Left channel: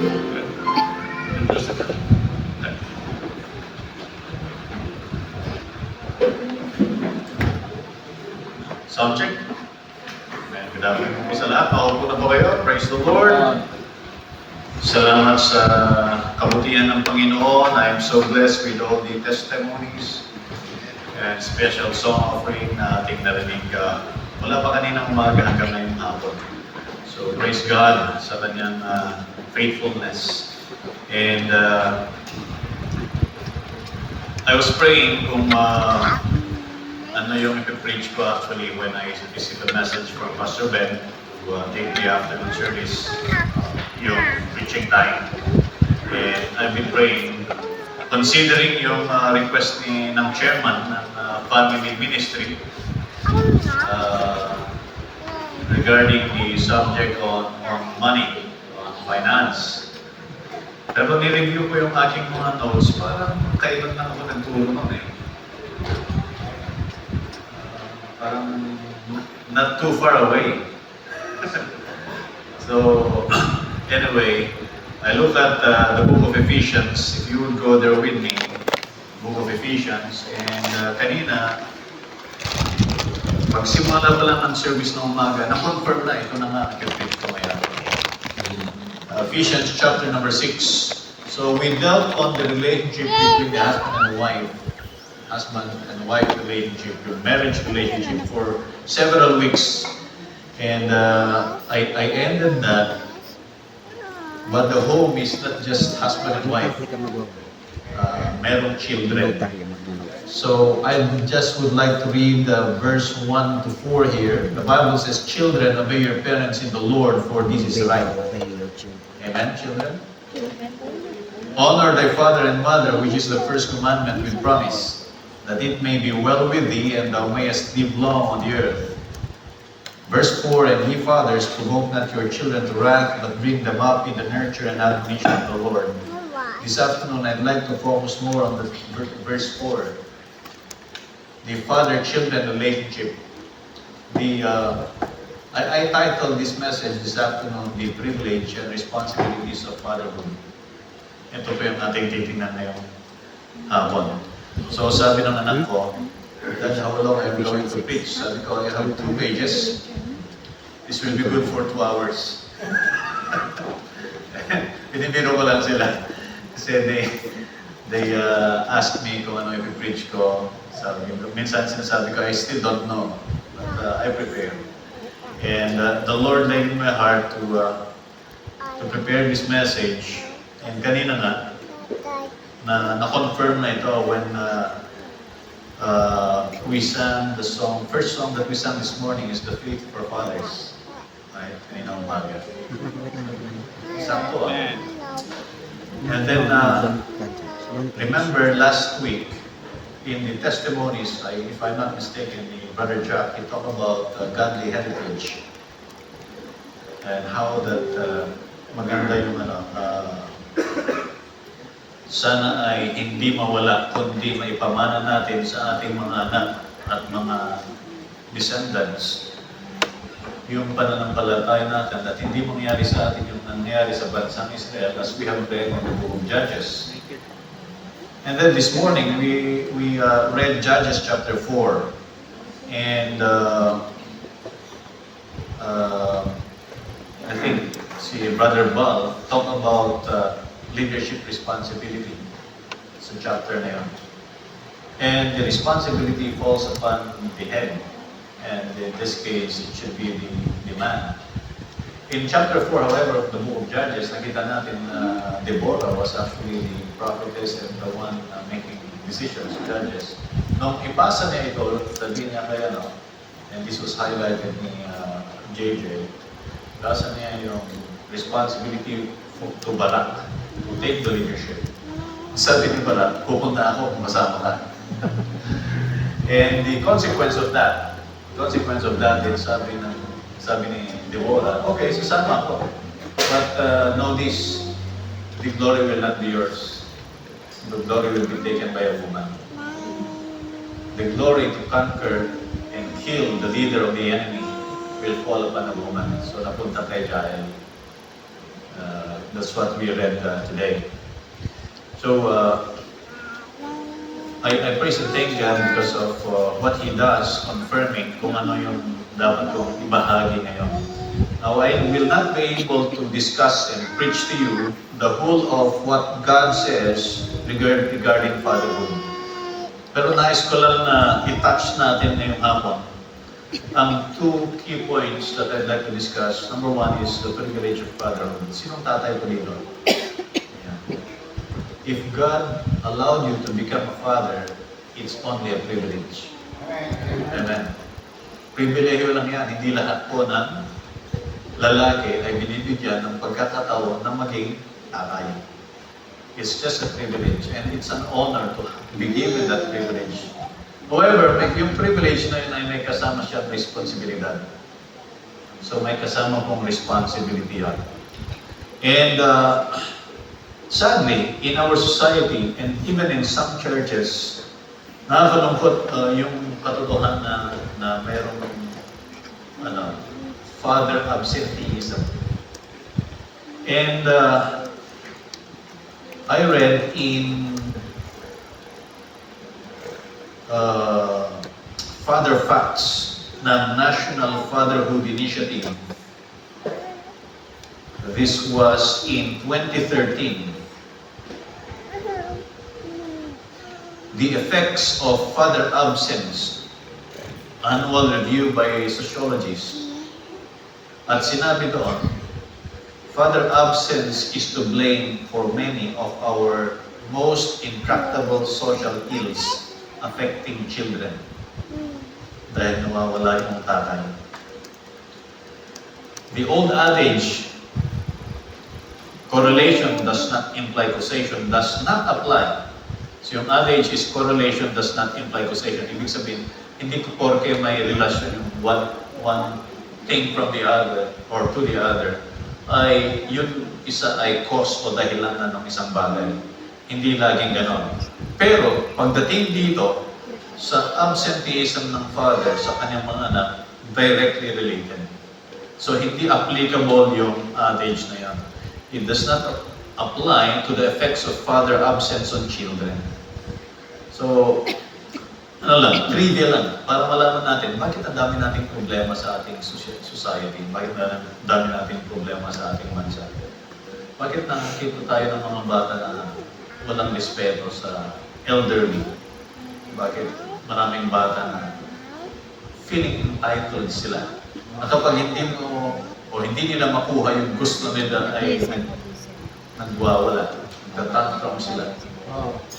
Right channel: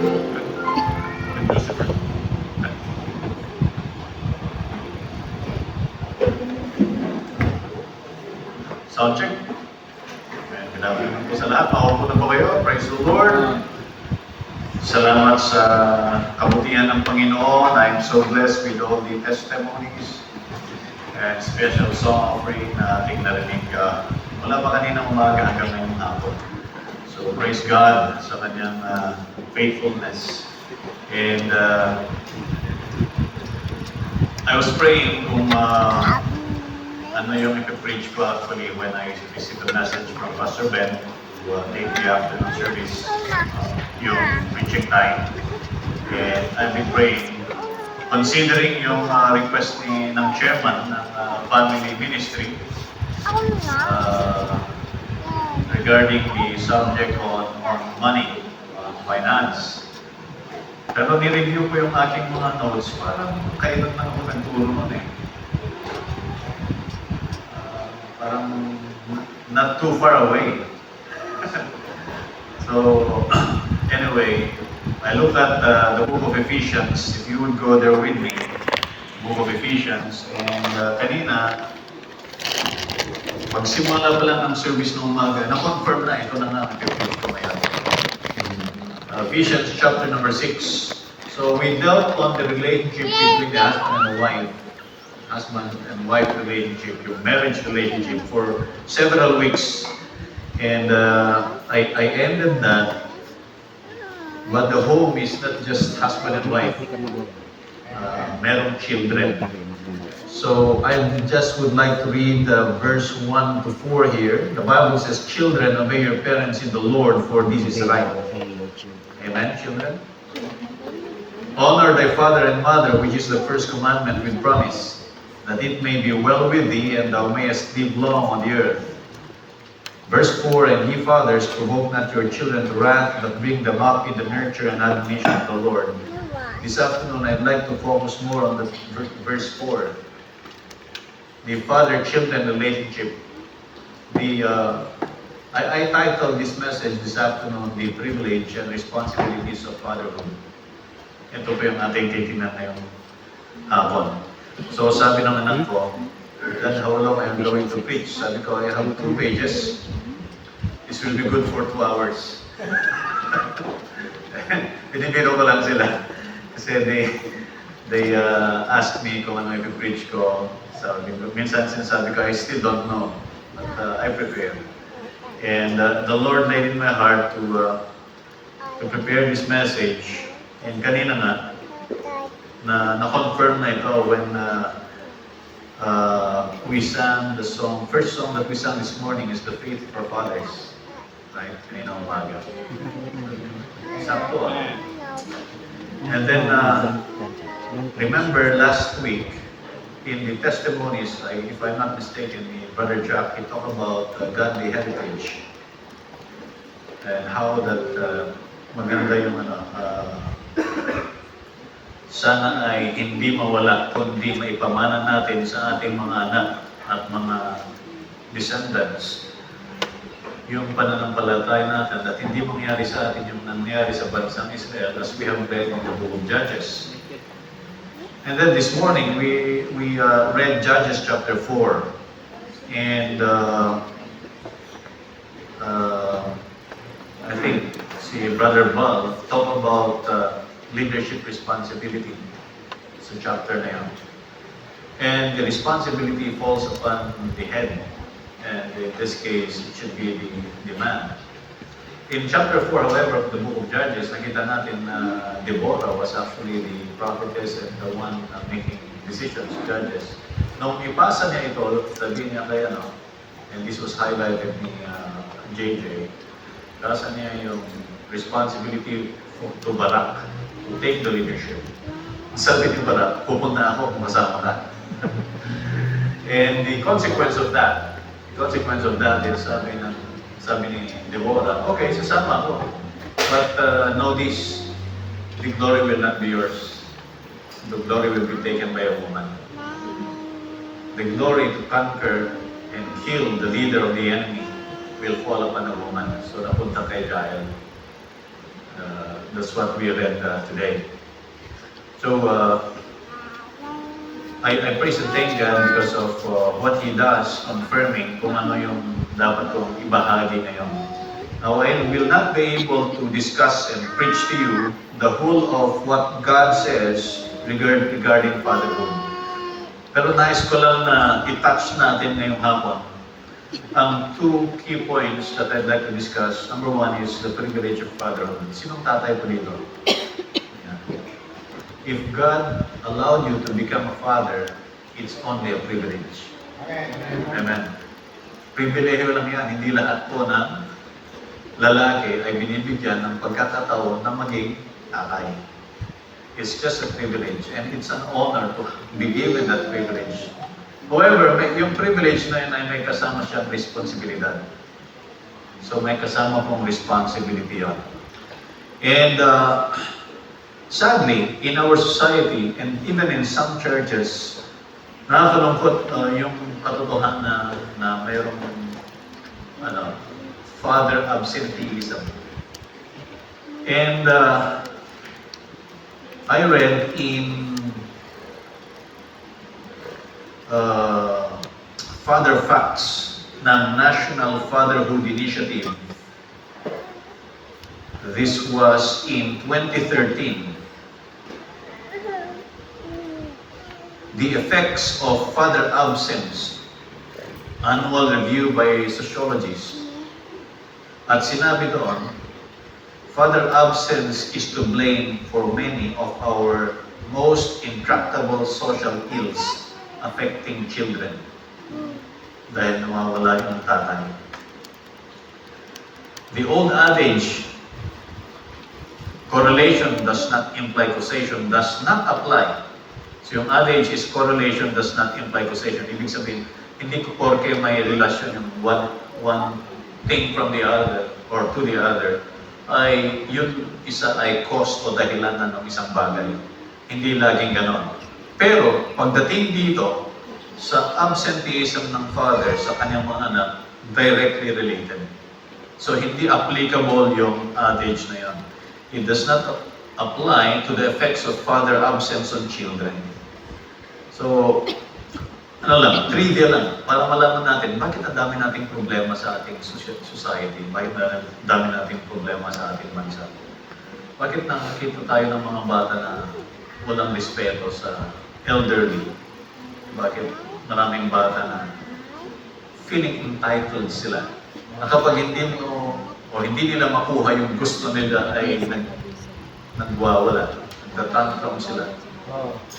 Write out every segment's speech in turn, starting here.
Sound check. Good afternoon po sa lahat. Makaupo na po kayo. Praise the Lord. Salamat sa kabutihan ng Panginoon. I am so blessed with all the testimonies and special song offering na ating narinig wala pa kaninang umaga hanggang ngayong hapon. So praise God sa kanyang faithfulness. And I was praying kung ano yung ipipreach ko actually when I received a message from Pastor Ben to take the afternoon service, yung preaching time. And I've been praying, considering yung request ng chairman ng family ministry regarding the subject on money, on finance. Pero ni-review ko yung aking mga notes, parang kailan na ako nagturo nun eh. Parang not too far away. So, anyway, I look at the book of Ephesians. If you would go there with me, book of Ephesians, and kanina, pagsimula pa lang ng service ng umaga, na-confirm na ito na nga ang preach ko ngayon. Ephesians chapter number 6. So we dealt on the relationship between the husband and wife. Husband and wife relationship, your marriage relationship for several weeks. And I ended that, but the home is not just husband and wife, merong children. So I just would like to read verse 1 to 4 here. The Bible says, "Children, obey your parents in the Lord, for this is right." Amen, children? "Honor thy father and mother, which is the first commandment with promise, that it may be well with thee, and thou mayest live long on the earth." Verse 4, "And ye fathers, provoke not your children to wrath, but bring them up in the nurture and admonition of the Lord." This afternoon, I'd like to focus more on the verse 4. The father-children relationship. I titled this message this afternoon, "The Privilege and Responsibilities of Fatherhood." Ito po yung ating titingnan ngayong hapon. So sabi ng anak ko, "Dad, how long I'm going to preach?" Sabi ko, "I have 2 pages. This will be good for 2 hours. Pinibiro ko lang sila. Kasi they asked me kung ano ipipreach ko. Sabi ko, minsan sinasabi ko, I still don't know. But I prepare. And the Lord laid in my heart to prepare this message. And kanina nga, na-confirm na ito when we sang the song. First song that we sang this morning is "The Faith of Our Fathers." Right? Kanina umaga. Sakto ah. And then, remember last week, in the testimonies, if I'm not mistaken, Brother Jack, he talked about godly heritage. And how that maganda yung sana ay hindi mawala, kundi maipamana natin sa ating mga anak at mga descendants yung pananampalataya natin at hindi mangyari sa atin yung nangyari sa bansang Israel as we have read in the book of Judges. And then this morning, we read Judges chapter 4. And I think si Brother Bal talked about leadership responsibility sa chapter na yun. And the responsibility falls upon the head. And in this case, it should be the man. In chapter 4, however, of the book of Judges, nakita natin na Deborah was actually the prophetess and the one making decisions, judges. Nung ipasa niya ito, sabi niya kay and this was highlighted ni JJ, ipasa niya yung responsibility to Barak, to take the leadership. Sabi ni Barak, pupunta ako kung kasama ka. And the consequence of that is sabi ni Deborah, okay, sasama ako. But know this, the glory will not be yours. The glory will be taken by a woman. The glory to conquer and kill the leader of the enemy will fall upon a woman. So napunta kay Jael. That's what we read today. So, I praise and thank God because of what He does, confirming kung ano yung dapat kong ibahagi ngayon. Now, I will not be able to discuss and preach to you the whole of what God says regarding fatherhood. Pero nais ko lang na i-touch natin ngayong hapon ang two key points that I'd like to discuss. Number one is the privilege of fatherhood. Sinong tatay po dito? If God allowed you to become a father, it's only a privilege. Amen. Pribilehiyo lang yan. Hindi lahat po ng lalaki ay binibigyan ng pagkakataon na maging tatay. It's just a privilege and it's an honor to be given that privilege. However, yung privilege na yun ay may kasama siyang responsibilidad. So may kasama pong responsibility yan. And sadly, in our society, and even in some churches, nakakalungkot yung katotohanan na mayroong father absenteeism. And I read in Father Facts ng National Fatherhood Initiative. This was in 2013. The effects of father absence, annual review by sociologists. At sinabi doon, father absence is to blame for many of our most intractable social ills affecting children. Dahil nawawala yung tatay. The old adage, correlation does not imply causation, does not apply. So yung adage is correlation does not imply causation. Ibig sabihin, hindi ko porke may relasyon yung one thing from the other or to the other, ay yun isa ay cause o dahilan ng isang bagay. Hindi laging ganon. Pero pagdating dito, sa absenteeism ng father sa kanyang mga anak, directly related. So hindi applicable yung adage na yan. It does not apply to the effects of father absence on children. So, trivia lang, para malaman natin, bakit ang dami nating problema sa ating society? Bakit ang dami nating problema sa ating bansa? Bakit nakikita tayo ng mga bata na walang respeto sa elderly? Bakit maraming bata na feeling entitled sila? Na kapag hindi nila makuha yung gusto nila ay nagwawala, nagtatantrum sila.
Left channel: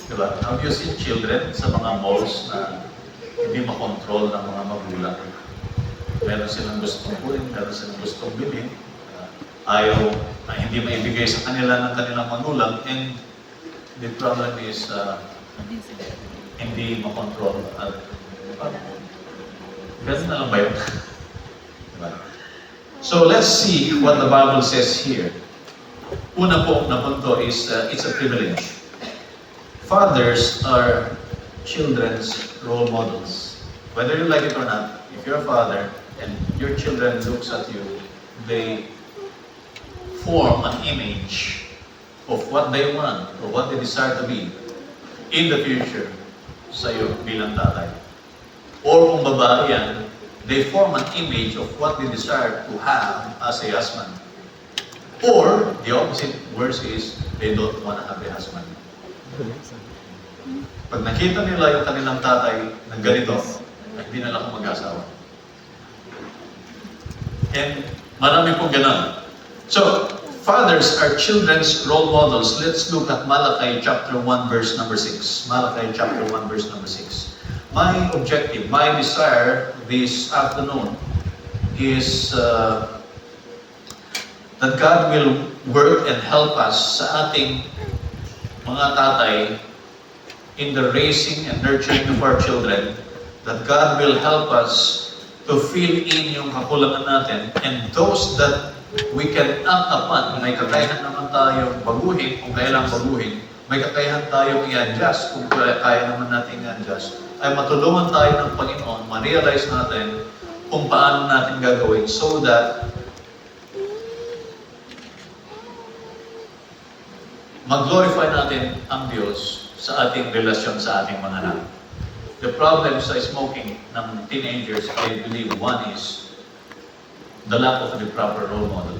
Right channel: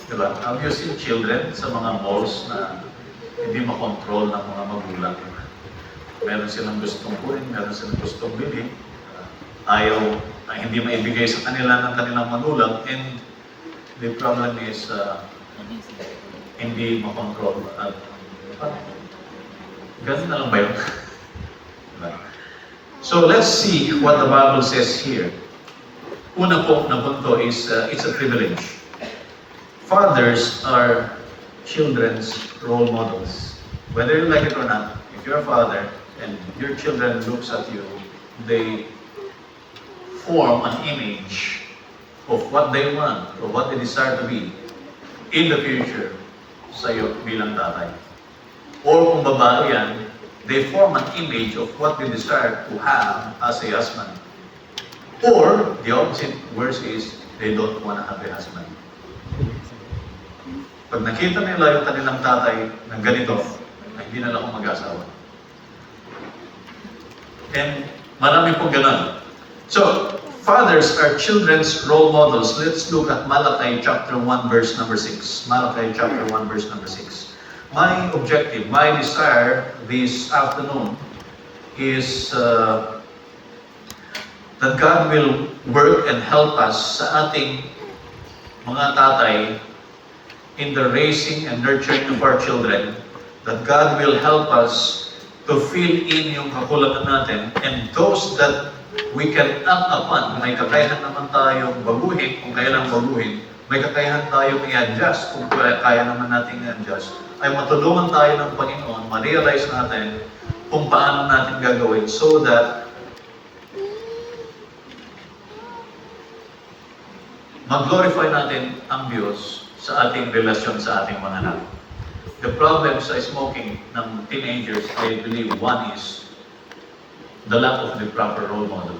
Diba? Have you seen children sa mga malls na hindi makontrol ng mga magulang? Meron silang gustong kunin, meron silang gustong bilhin, ayaw na hindi maibigay sa kanila ng kanilang magulang, and the problem is hindi makontrol. Ganun na lang ba yun? Diba? So let's see what the Bible says here. Una po na punto is it's a privilege. Fathers are children's role models. Whether you like it or not, if you're a father and your children looks at you, they form an image of what they want or what they desire to be in the future sa'yo bilang tatay. Or kung babae yan, they form an image of what they desire to have as a husband. Or, the opposite worse is, they don't want to have a husband. Pag nakita nila yung kanilang tatay ng ganito, ay hindi na lang ako mag-asawa. And marami pong gano'n. So, fathers are children's role models. Let's look at Malachi chapter 1 verse number 6. Malachi chapter 1 verse number 6. My objective, my desire this afternoon is that God will work and help us sa ating mga tatay in the raising and nurturing of our children, that God will help us to fill in yung kakulangan natin, and those that we can act upon. May kakayahan naman tayong baguhin, kung kailang baguhin, may kakayahan tayong i-adjust, kung kaya naman natin i-adjust, ay matulungan tayo ng Panginoon, ma-realize natin kung paano natin gagawin so that mag-glorify natin ang Diyos sa ating relasyon sa ating mga anak. The problem sa smoking ng teenagers, I believe one is the lack of the proper role model.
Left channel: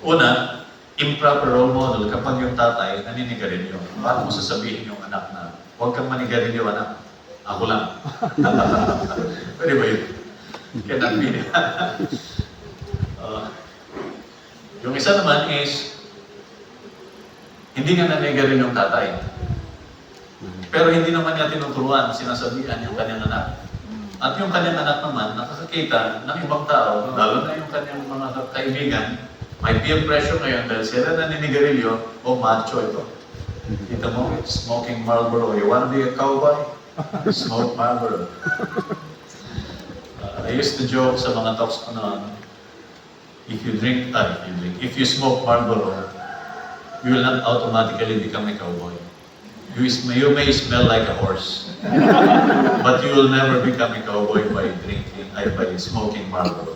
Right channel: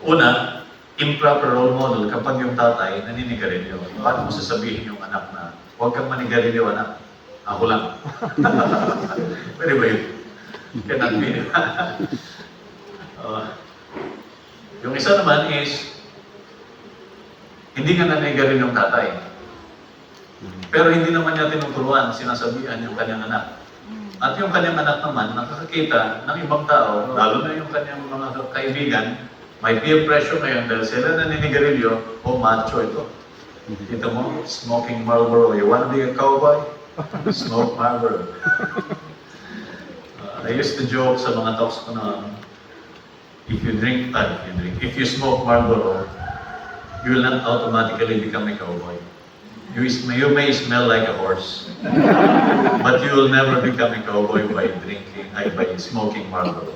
Una, improper role model kapag yung tatay naninigarilyo. Paano mo sasabihin yung anak na, huwag kang manigarilyo, anak. Ako lang. Pwede ba yun? Cannot be. Yung isa naman is, hindi nga naninigarilyo yung tatay. Pero hindi naman niya tinuturuan, sinasabihan yung kanyang anak. At yung kanyang anak naman, nakakakita ng ibang tao, lalo na yung kanyang mga kaibigan, may peer pressure ngayon dahil sila naninigarilyo, macho ito. Kita mo, smoking Marlboro. You want to be a cowboy? Smoke Marlboro. I used to joke sa mga talks ko noon, if you smoke Marlboro, you will not automatically become a cowboy. You may smell like a horse, but you will never become a cowboy by smoking Marlboro.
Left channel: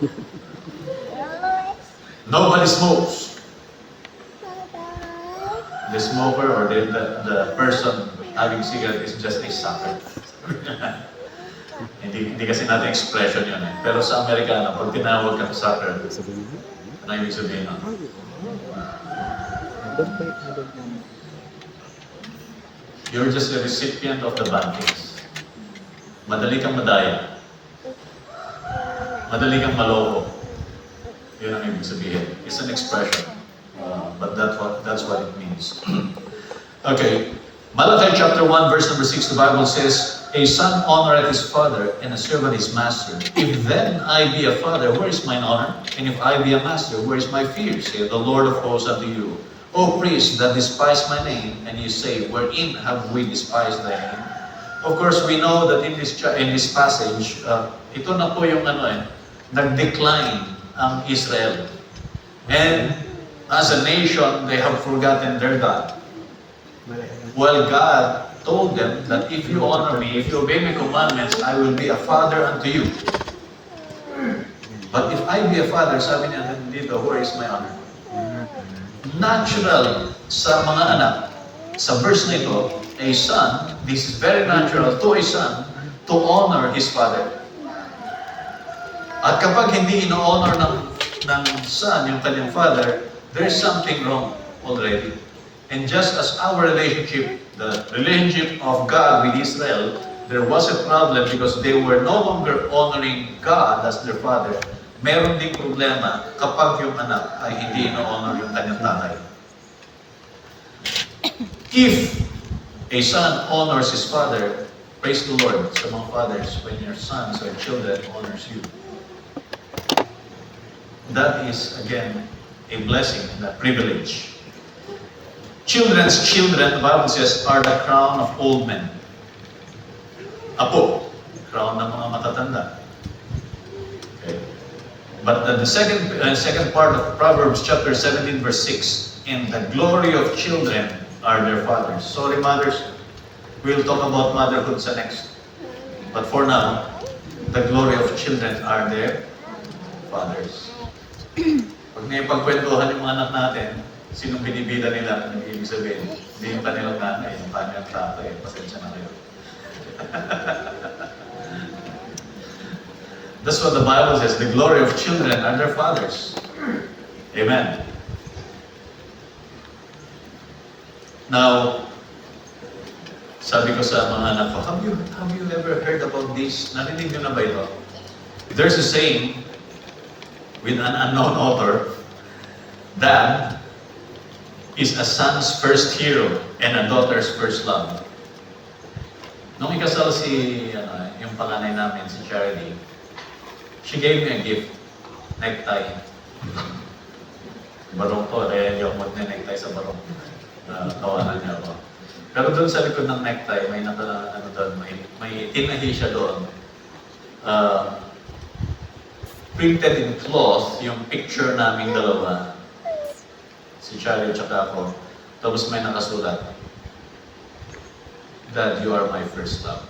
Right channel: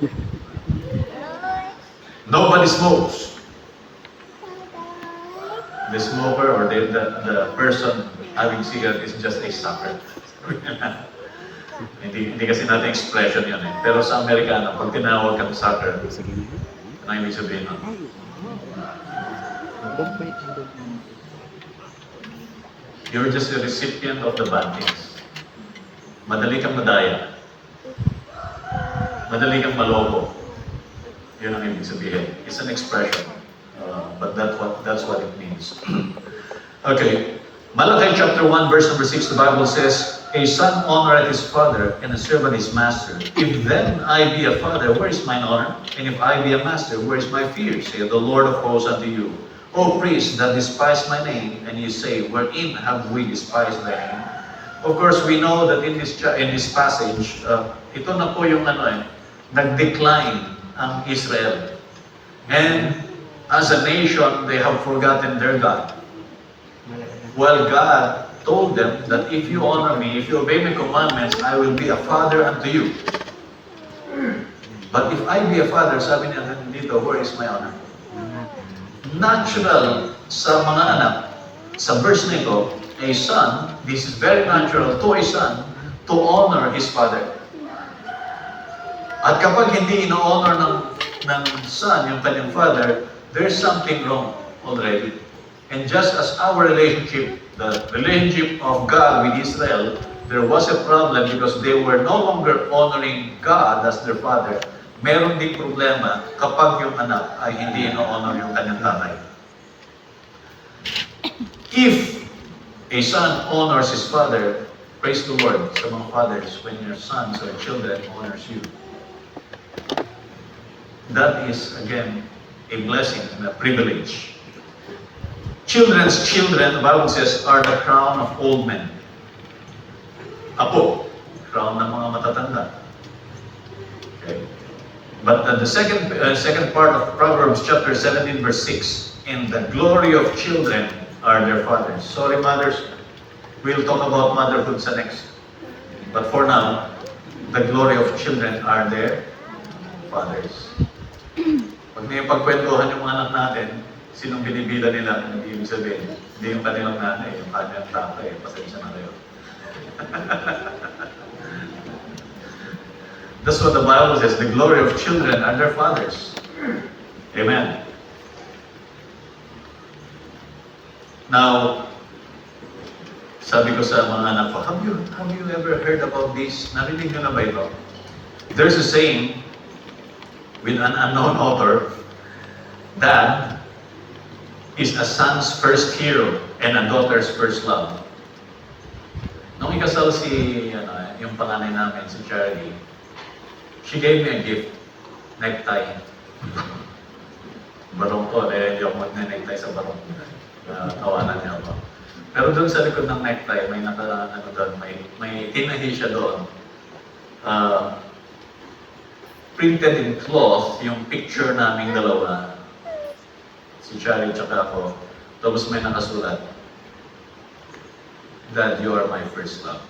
Nobody smokes. The smoker or the person having cigarette is just a sucker. hindi kasi natin expression yun eh. Pero sa Amerikano, pag tinawag kang sucker, ano ibig sabihin nun? You're just a recipient of the bad things. Madali kang madaya. Madali kang maloko. Yun ang ibig sabihin. It's an expression. But that's what it means. Okay. Malachi chapter 1 verse number 6, the Bible says, a son honoreth his father, and a servant his master. If then I be a father, where is mine honor? And if I be a master, where is my fear? Saith the Lord of hosts unto you. O priests that despise my name, and you say, wherein have we despised thy name? Of course, we know that in this passage, ito na po yung nag-decline ang Israel. And as a nation, they have forgotten their God. Well, God told them that if you honor me, if you obey my commandments, I will be a father unto you. But if I be a father, sabi niya dito, where is my honor? Natural sa mga anak, sa verse na ito, a son, this is very natural to a son, to honor his father. At kapag hindi ino-honor ng son yung kanyang father, there's something wrong already. And just as our relationship, the relationship of God with Israel, there was a problem because they were no longer honoring God as their father. Meron ding problema kapag yung anak ay hindi ino-honor yung kanyang tatay. If a son honors his father, praise the Lord sa mga fathers when your sons or children honors you. That is, again, a blessing and a privilege. Children's children, the Bible says, are the crown of old men. Apo, crown ng mga matatanda. Okay. But the second part of Proverbs chapter 17 verse 6, and the glory of children are their fathers. Sorry mothers, we'll talk about motherhood sa next. But for now, the glory of children are their fathers. Pag naipagkwentuhan yung mga anak natin, sinong binibila nila na ibig sabihin? Hindi yung kanilang nanay, yung kanyang tatay. Pasensya na kayo. That's what the Bible says. The glory of children are their fathers. Amen. Now, sabi ko sa mga anak ko, have you ever heard about this? Narinig nyo na ba ito? There's a saying with an unknown author, Dad is a son's first hero and a daughter's first love. Nung ikasal yung panganay namin, si Charlie, she gave me a gift, necktie. Barong ko, hindi ako mag-necktie sa barong. Tawanan niya ako. Pero doon sa likod ng necktie, may tinahi siya doon. Printed in cloth, yung picture naming dalawa. Si Charlie tsaka ako. Tapos may nakasulat, Dad, you are my first love.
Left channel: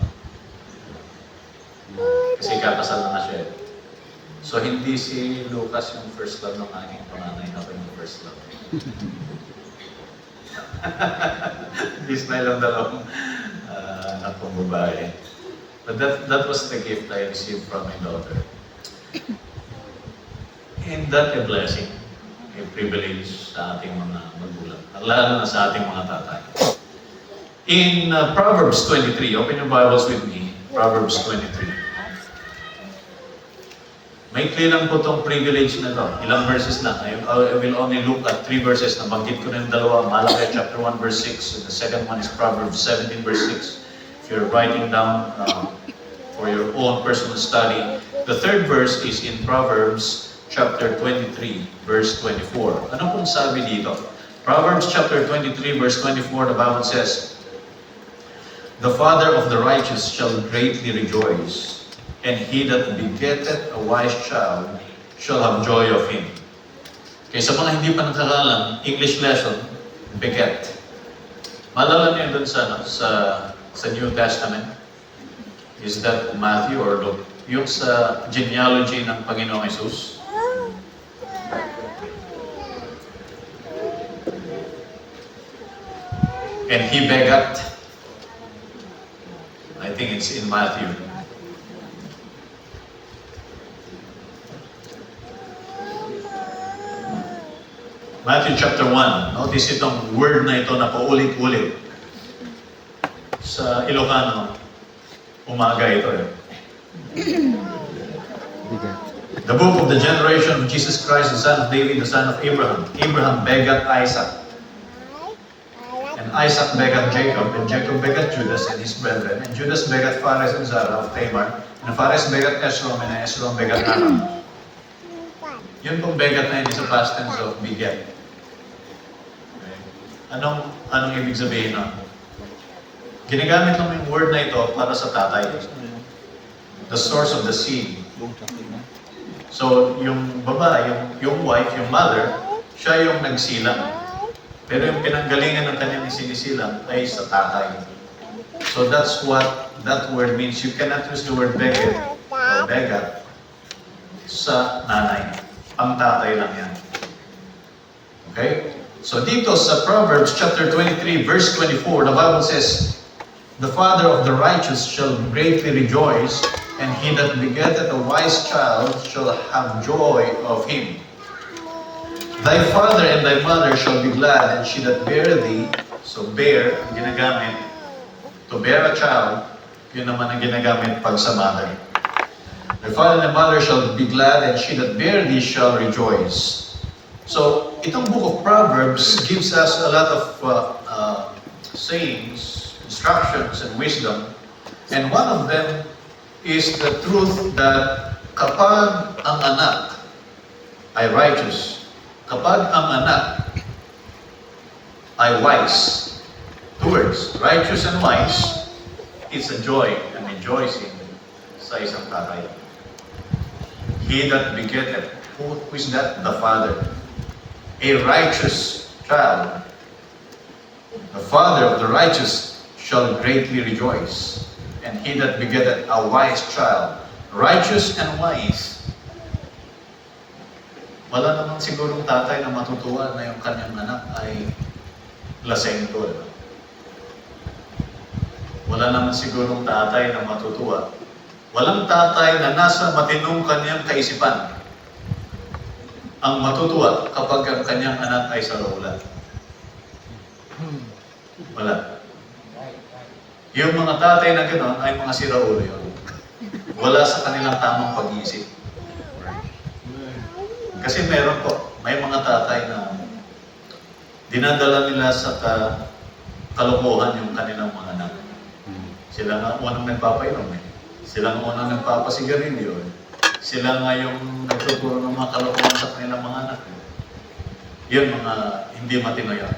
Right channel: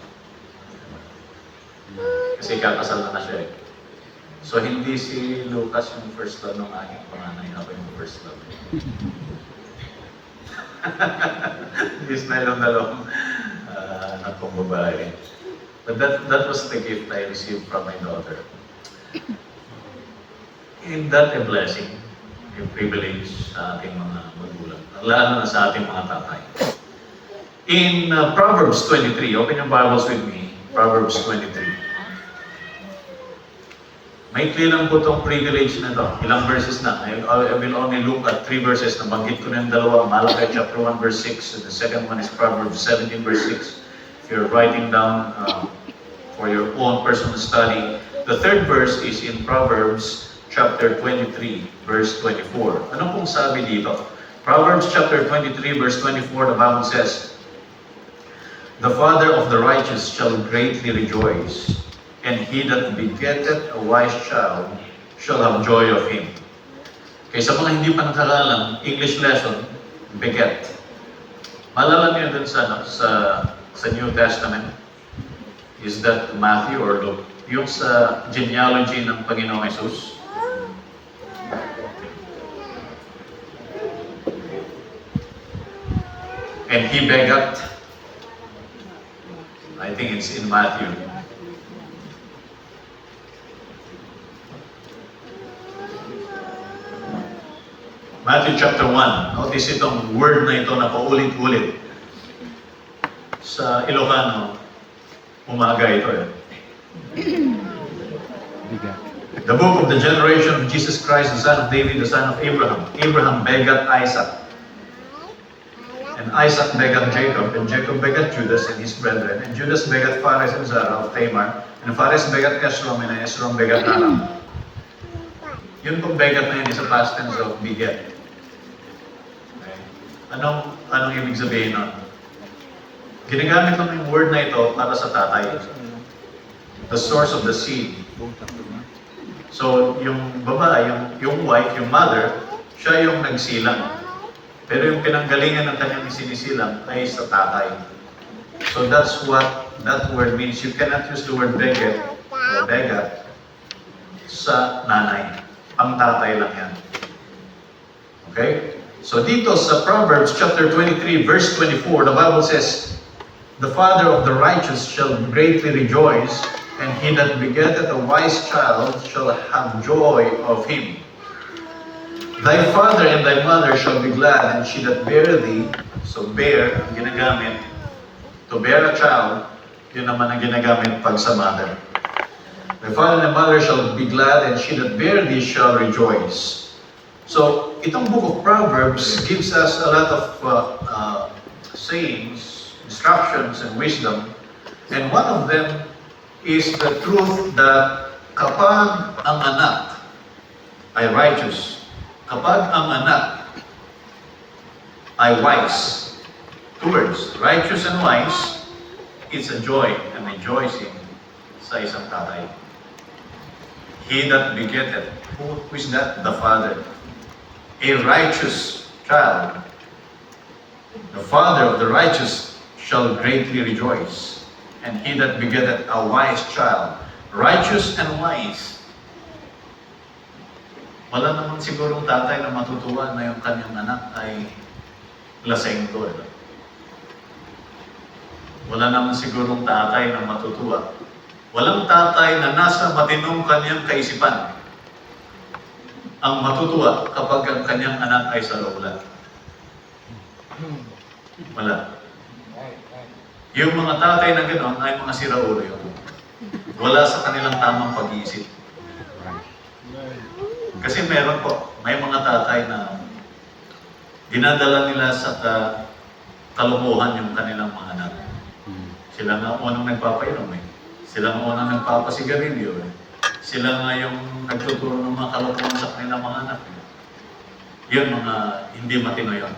Kasi kakasal na siya eh. So hindi si Lucas yung first love ng aking panganay, ako yung first love. Ismael ang dalawang anak kong babae. But that was the gift I received from my daughter. And that a blessing, a privilege sa ating mga magulang, lalo na sa ating mga tatay. In Proverbs 23, open your Bibles with me, Proverbs 23. May lang po itong privilege na ito. Ilang verses na. I will only look at 3 verses. Nabanggit ko na yung dalawa. Malachi chapter 1 verse 6. And the second one is Proverbs 17 verse 6. If you're writing down for your own personal study. The third verse is in Proverbs chapter 23 verse 24. Ano pong sabi dito? Proverbs chapter 23 verse 24, the Bible says, "The father of the righteous shall greatly rejoice, and he that begetteth a wise child shall have joy of him." Okay, sa mga hindi pa nakakalam, English lesson, beget. Malala niyo dun sa New Testament, is that Matthew or Luke? Yung sa genealogy ng Panginoong Jesus. And he begat, I think it's in Matthew. Matthew chapter 1. Notice itong word na ito na paulit-ulit. Sa Ilocano, umaga ito. The book of the generation of Jesus Christ, the son of David, the son of Abraham. Abraham begat Isaac. And Isaac begat Jacob, and Jacob begat Judas and his brethren. And Judas begat Phares and Zara of Tamar. And Phares begat Esrom, and Esrom begat Aram. Yun pong begat na yun is a past tense of beget. Okay. Anong ibig sabihin nun? Ginagamit lang yung word na ito para sa tatay. The source of the seed. So, yung babae, yung wife, yung mother, siya yung nagsilang. Pero yung pinanggalingan ng kanyang sinisilang ay sa tatay. So that's what that word means. You cannot use the word beget or begat sa nanay. Ang tatay lang yan. Okay? So dito sa Proverbs chapter 23 verse 24, the Bible says, "The father of the righteous shall greatly rejoice, and he that begetteth a wise child shall have joy of him. Thy father and thy mother shall be glad, and she that bare thee," so bear, ang ginagamit, to bear a child, yun naman ang ginagamit pag sa mother. "Thy father and thy mother shall be glad, and she that bare thee shall rejoice." So, itong book of Proverbs gives us a lot of sayings, instructions, and wisdom. And one of them is the truth that kapag ang anak ay righteous, kapag ang anak ay wise, two words, righteous and wise, it's a joy and rejoicing sa isang tatay. He that begetteth, who is that? The father. A righteous child. The father of the righteous shall greatly rejoice. And he that begetteth a wise child. Righteous and wise. Wala naman sigurong tatay na matutuwa na yung kanyang anak ay lasing to. Wala naman sigurong tatay na matutuwa. Walang tatay na nasa matinong kanyang kaisipan ang matutuwa kapag ang kanyang anak ay saraulan. Wala. Yung mga tatay na gano'n ay mga siraulo yun. Wala sa kanilang tamang pag-iisip. Kasi meron po, may mga tatay na dinadala nila sa kalokohan yung kanilang mga anak. Sila nga unang nagpapainom eh. Sila nga unang nagpapasigarilyo eh. Sila nga yung nagtuturo ng mga kalokohan sa kanilang mga anak. Yun mga hindi matinoyak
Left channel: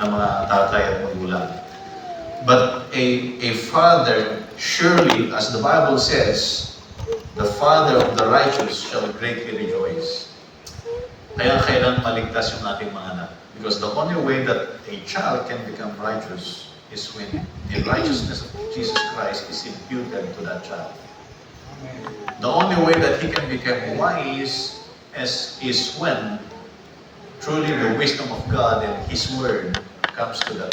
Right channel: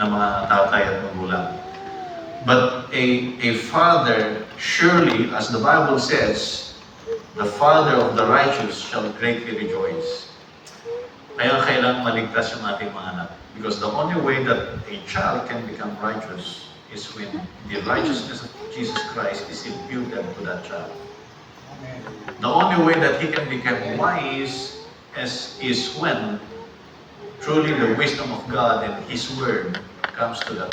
na mga tatay at magulang. But a father, surely, as the Bible says, the father of the righteous shall greatly rejoice. Kaya kailangan maligtas yung ating mga anak. Because the only way that a child can become righteous is when the righteousness of Jesus Christ is imputed to that child. The only way that he can become wise is when truly the wisdom of God and His Word comes to the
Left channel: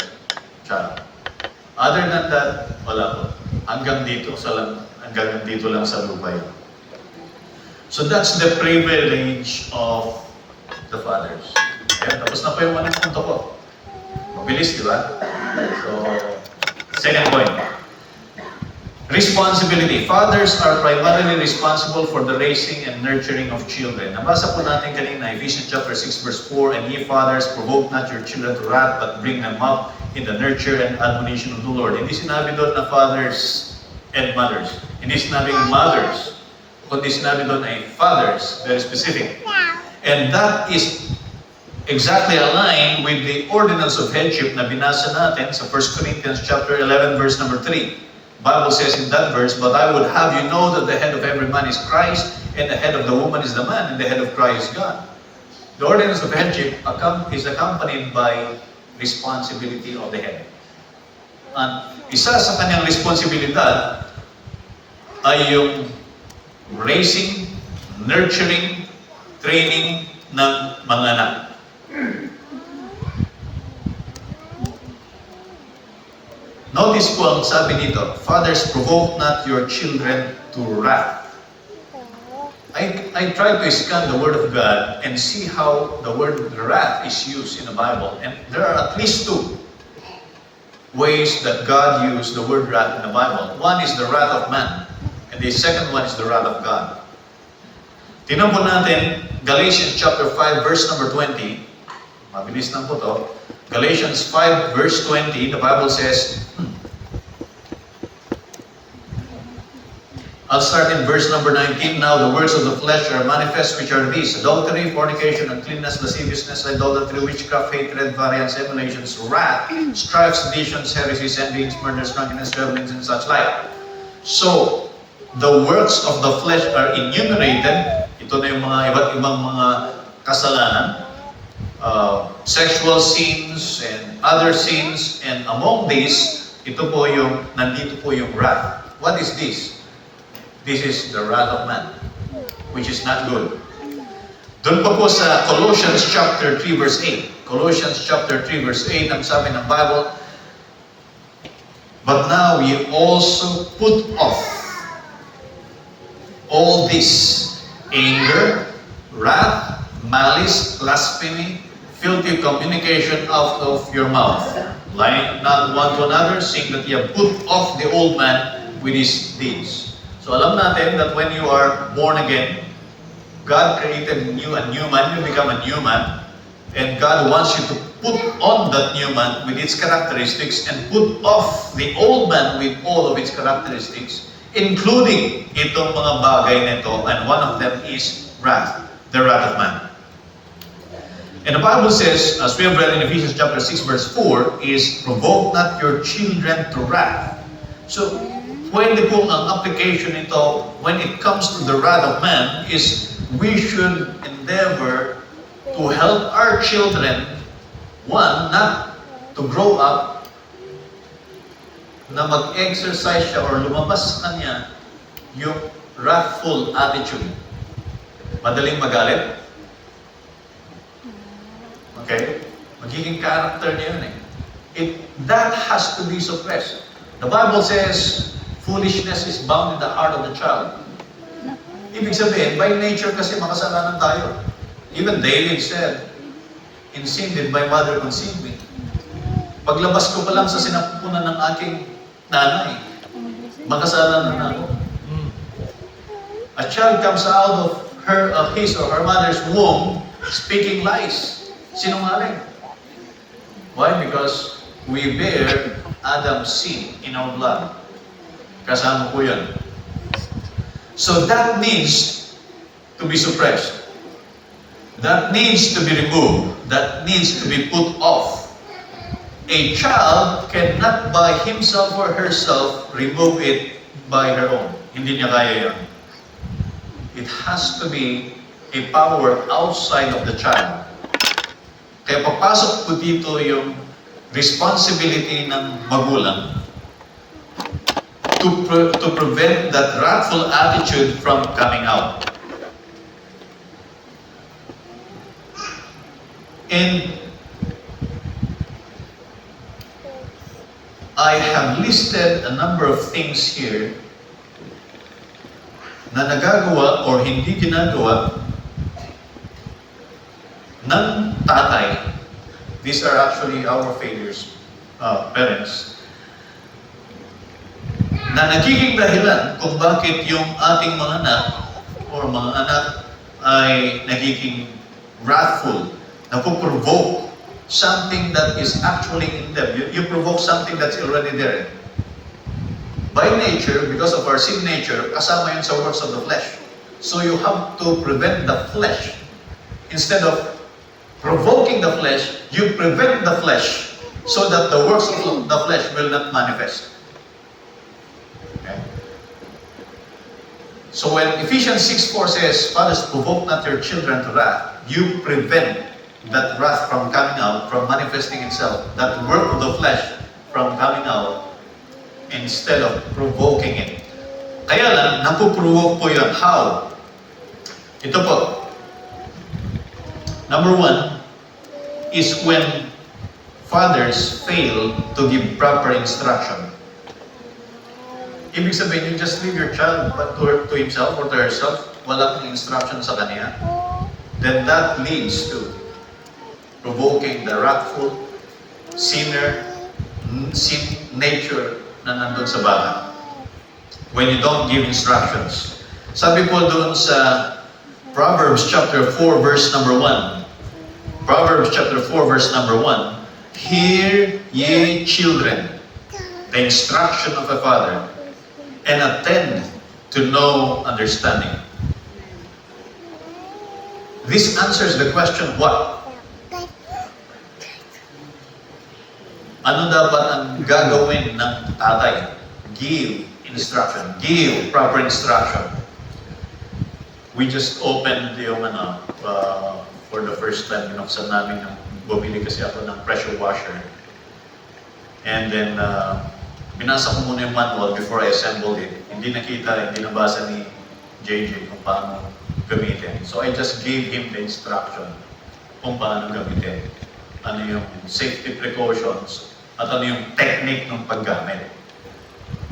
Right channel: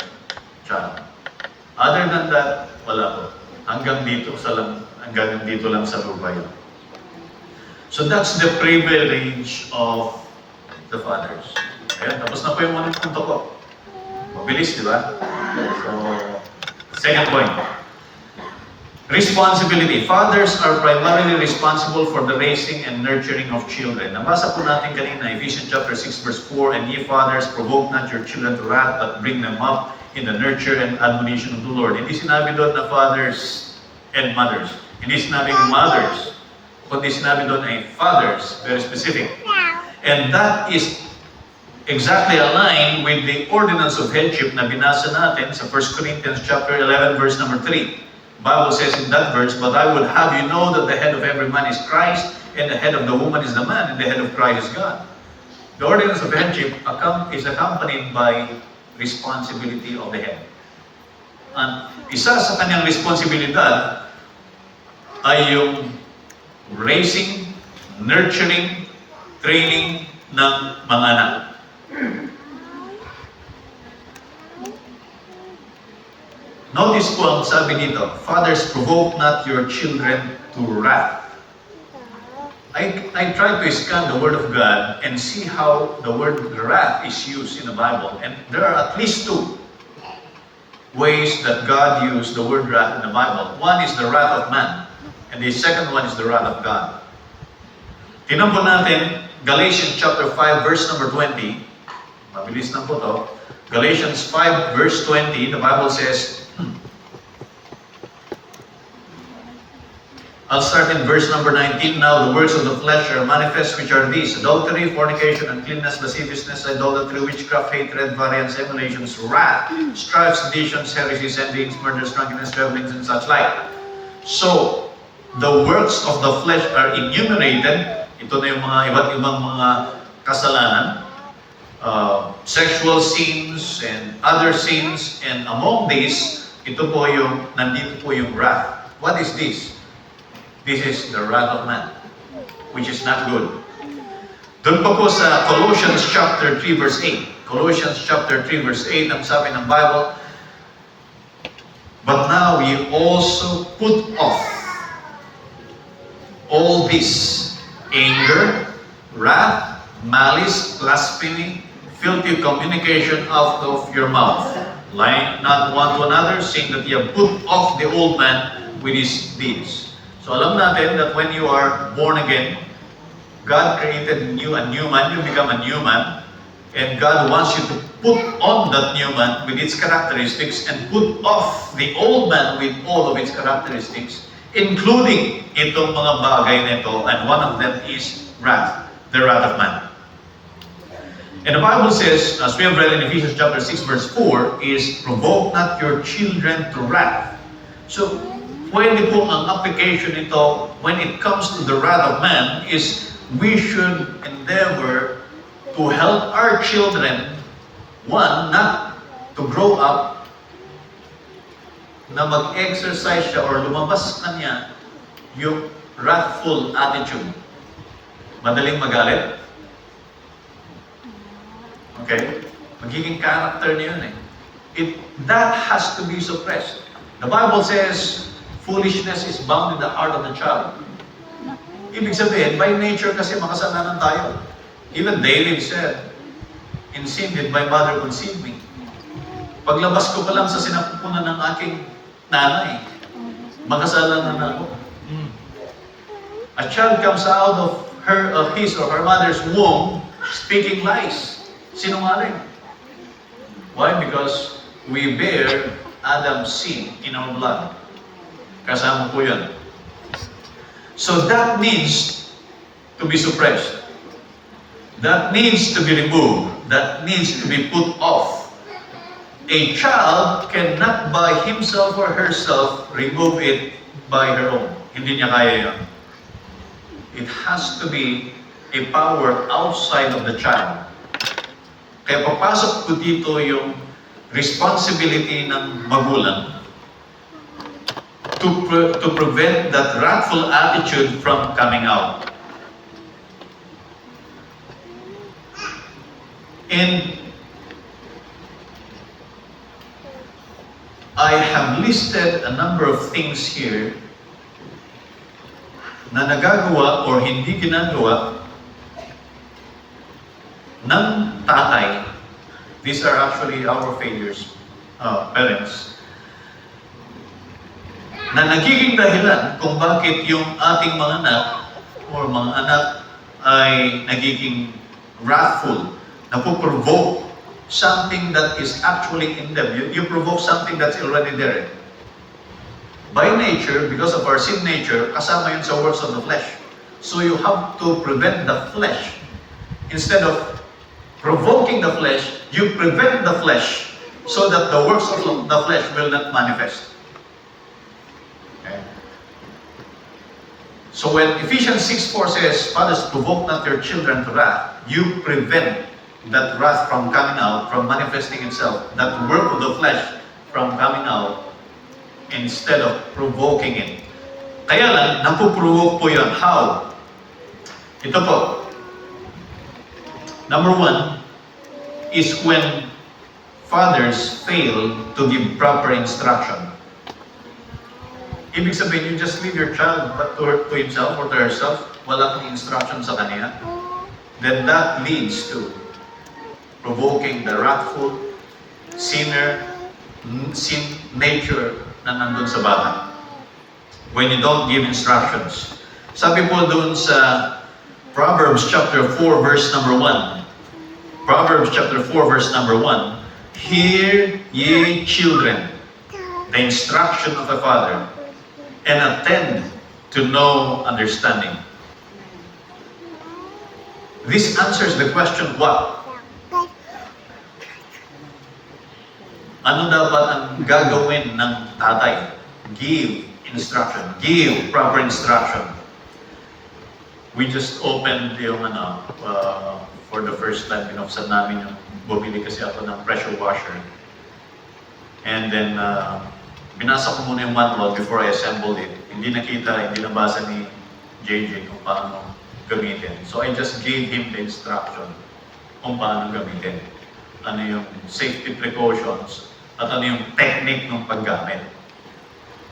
child. Other than that, wala po. Hanggang dito lang sa lupa yun. So that's the privilege of the fathers. Ayan, tapos na po yung mga punto ko. Mabilis, di ba? So, second point. Responsibility. Fathers are primarily responsible for the raising and nurturing of children. Nabasa po natin kanina, Ephesians chapter 6 verse 4, and ye fathers, provoke not your children to wrath, but bring them up in the nurture and admonition of the Lord. Hindi sinabi doon na fathers and mothers. Hindi sinabing mothers. Kundi sinabi doon ay fathers, very specific. And that is exactly aligned with the ordinance of headship na binasa natin sa 1 Corinthians chapter 11 verse number 3. Bible says in that verse, but I would have you know that the head of every man is Christ, and the head of the woman is the man, and the head of Christ is God. The ordinance of headship is accompanied by responsibility of the head. And isa sa kanyang responsibilidad ay yung raising, nurturing, training ng mga anak. Notice po ang sabi dito, fathers, provoke not your children to wrath. I tried to scan the Word of God and see how the word wrath is used in the Bible. And there are at least two ways that God used the word wrath in the Bible. One is the wrath of man, and the second one is the wrath of God. Tingnan po natin, Galatians chapter 5, verse number 20. Mabilis na po to. Galatians 5, verse 20, the Bible says, I'll start in verse number 19. Now the works of the flesh are manifest, which are these: adultery, fornication, uncleanness, lasciviousness, idolatry, witchcraft, hatred, variance, emulations, wrath, strife, seditions, heresies, envyings, murders, drunkenness, revelings, and such like. So, the works of the flesh are enumerated. Ito na yung mga iba't ibang mga kasalanan. Sexual sins and other sins, and among these, nandito po yung wrath. What is this? This is the wrath of man, which is not good. Doon pa po sa Colossians chapter 3 verse 8. Colossians chapter 3 verse 8, ang sabi ng Bible, but now ye also put off all this: anger, wrath, malice, blasphemy, filthy communication out of your mouth. Lying not one to another, seeing that ye have put off the old man with his deeds. So alam natin that when you are born again, God created a new man, you become a new man, and God wants you to put on that new man with its characteristics and put off the old man with all of its characteristics, including itong mga bagay nito, and one of them is wrath, the wrath of man. And the Bible says, as we have read in Ephesians chapter 6 verse 4, is provoke not your children to wrath. So, pwede po ang application nito when it comes to the wrath of man is we should endeavor to help our children, one, not to grow up na mag-exercise siya or lumabas sa kanya yung wrathful attitude. Madaling magalit. Okay? Magiging character niya yun eh. That has to be suppressed. The Bible says, foolishness is bound in the heart of the child. Ibig sabihin, by nature kasi makasalanan tayo. Even David said, in sin did my mother conceive me. Paglabas ko pa lang sa sinapupunan ng aking nanay, makasalanan na ako. A child comes out of his or her mother's womb speaking lies. Sinungaling. Why? Because we bear Adam's sin in our blood. Kasama po yan. So that needs to be suppressed. That needs to be removed. That needs to be put off. A child cannot by himself or herself remove it by her own. Hindi niya kaya yan. It has to be a power outside of the child. Kaya papasok po dito yung responsibility ng magulang to prevent that wrathful attitude from coming out. And I have listed a number of things here na nagagawa or hindi ginagawa ng tatay. These are actually our failures, parents, na nagiging dahilan kung bakit yung ating mga anak or mga anak ay nagiging wrathful, napuprovoke something that is actually in them. You provoke something that's already there. By nature, because of our sin nature, kasama yun sa works of the flesh. So you have to prevent the flesh. Instead of provoking the flesh, you prevent the flesh so that the works of the flesh will not manifest. Okay? So when Ephesians 6:4 says, "Fathers, provoke not your children to wrath," you prevent that wrath from coming out, from manifesting itself, that work of the flesh from coming out, instead of provoking it. Kaya lang, napuprovoke po yun. How? Ito po. Number one is when fathers fail to give proper instruction. Ibig sabihin, you just leave your child to himself or to herself, wala kang instruction sa kanya, then that leads to provoking the wrathful, sinner, sin nature na nandun sa bata. When you don't give instructions. Sabi po doon sa Proverbs chapter 4 verse number 1. Proverbs chapter 4 verse number 1. Hear ye children the instruction of a father, and attend to know understanding. This answers the question, what? Ano dapat ang gagawin ng tatay? Give instruction. Give proper instruction. We just opened yung for the first time, binuksan namin yung bumili kasi ako ng pressure washer. And then, binasa ko muna yung manual before I assembled it. Hindi nakita, hindi nabasa ni JJ kung paano gamitin. So I just gave him the instruction kung paano gamitin. Ano yung safety precautions at ano yung technique ng paggamit.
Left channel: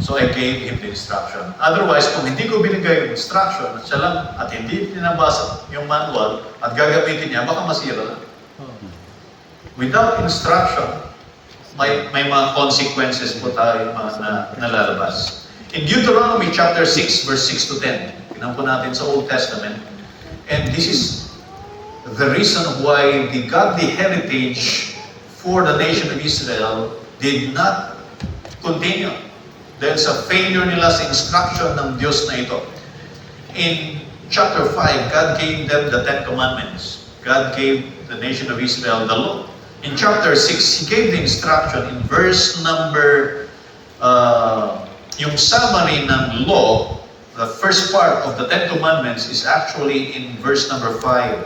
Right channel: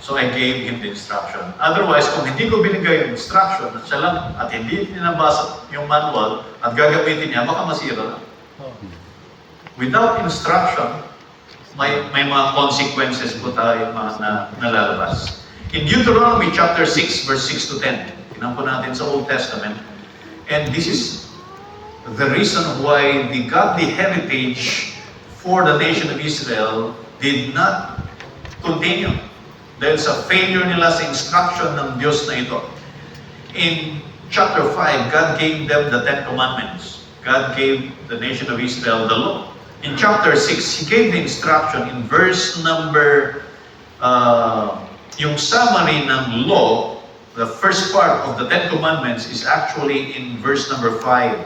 So I gave him the instruction. Otherwise, kung hindi ko binigay yung instruction at siya lang at hindi pinabasa yung manual at gagamitin niya, baka masira lang. Without instruction, may mga consequences po tayo na nalalabas. In Deuteronomy chapter 6, verse 6 to 10, tingnan po natin sa Old Testament, and this is the reason why the godly heritage for the nation of Israel did not continue. Dahil sa failure nila sa instruction ng Diyos na ito. In chapter 5, God gave them the 10 Commandments. God gave the nation of Israel the law. In chapter 6, He gave the instruction in verse number, yung summary ng law, the first part of the 10 Commandments is actually in verse number 5.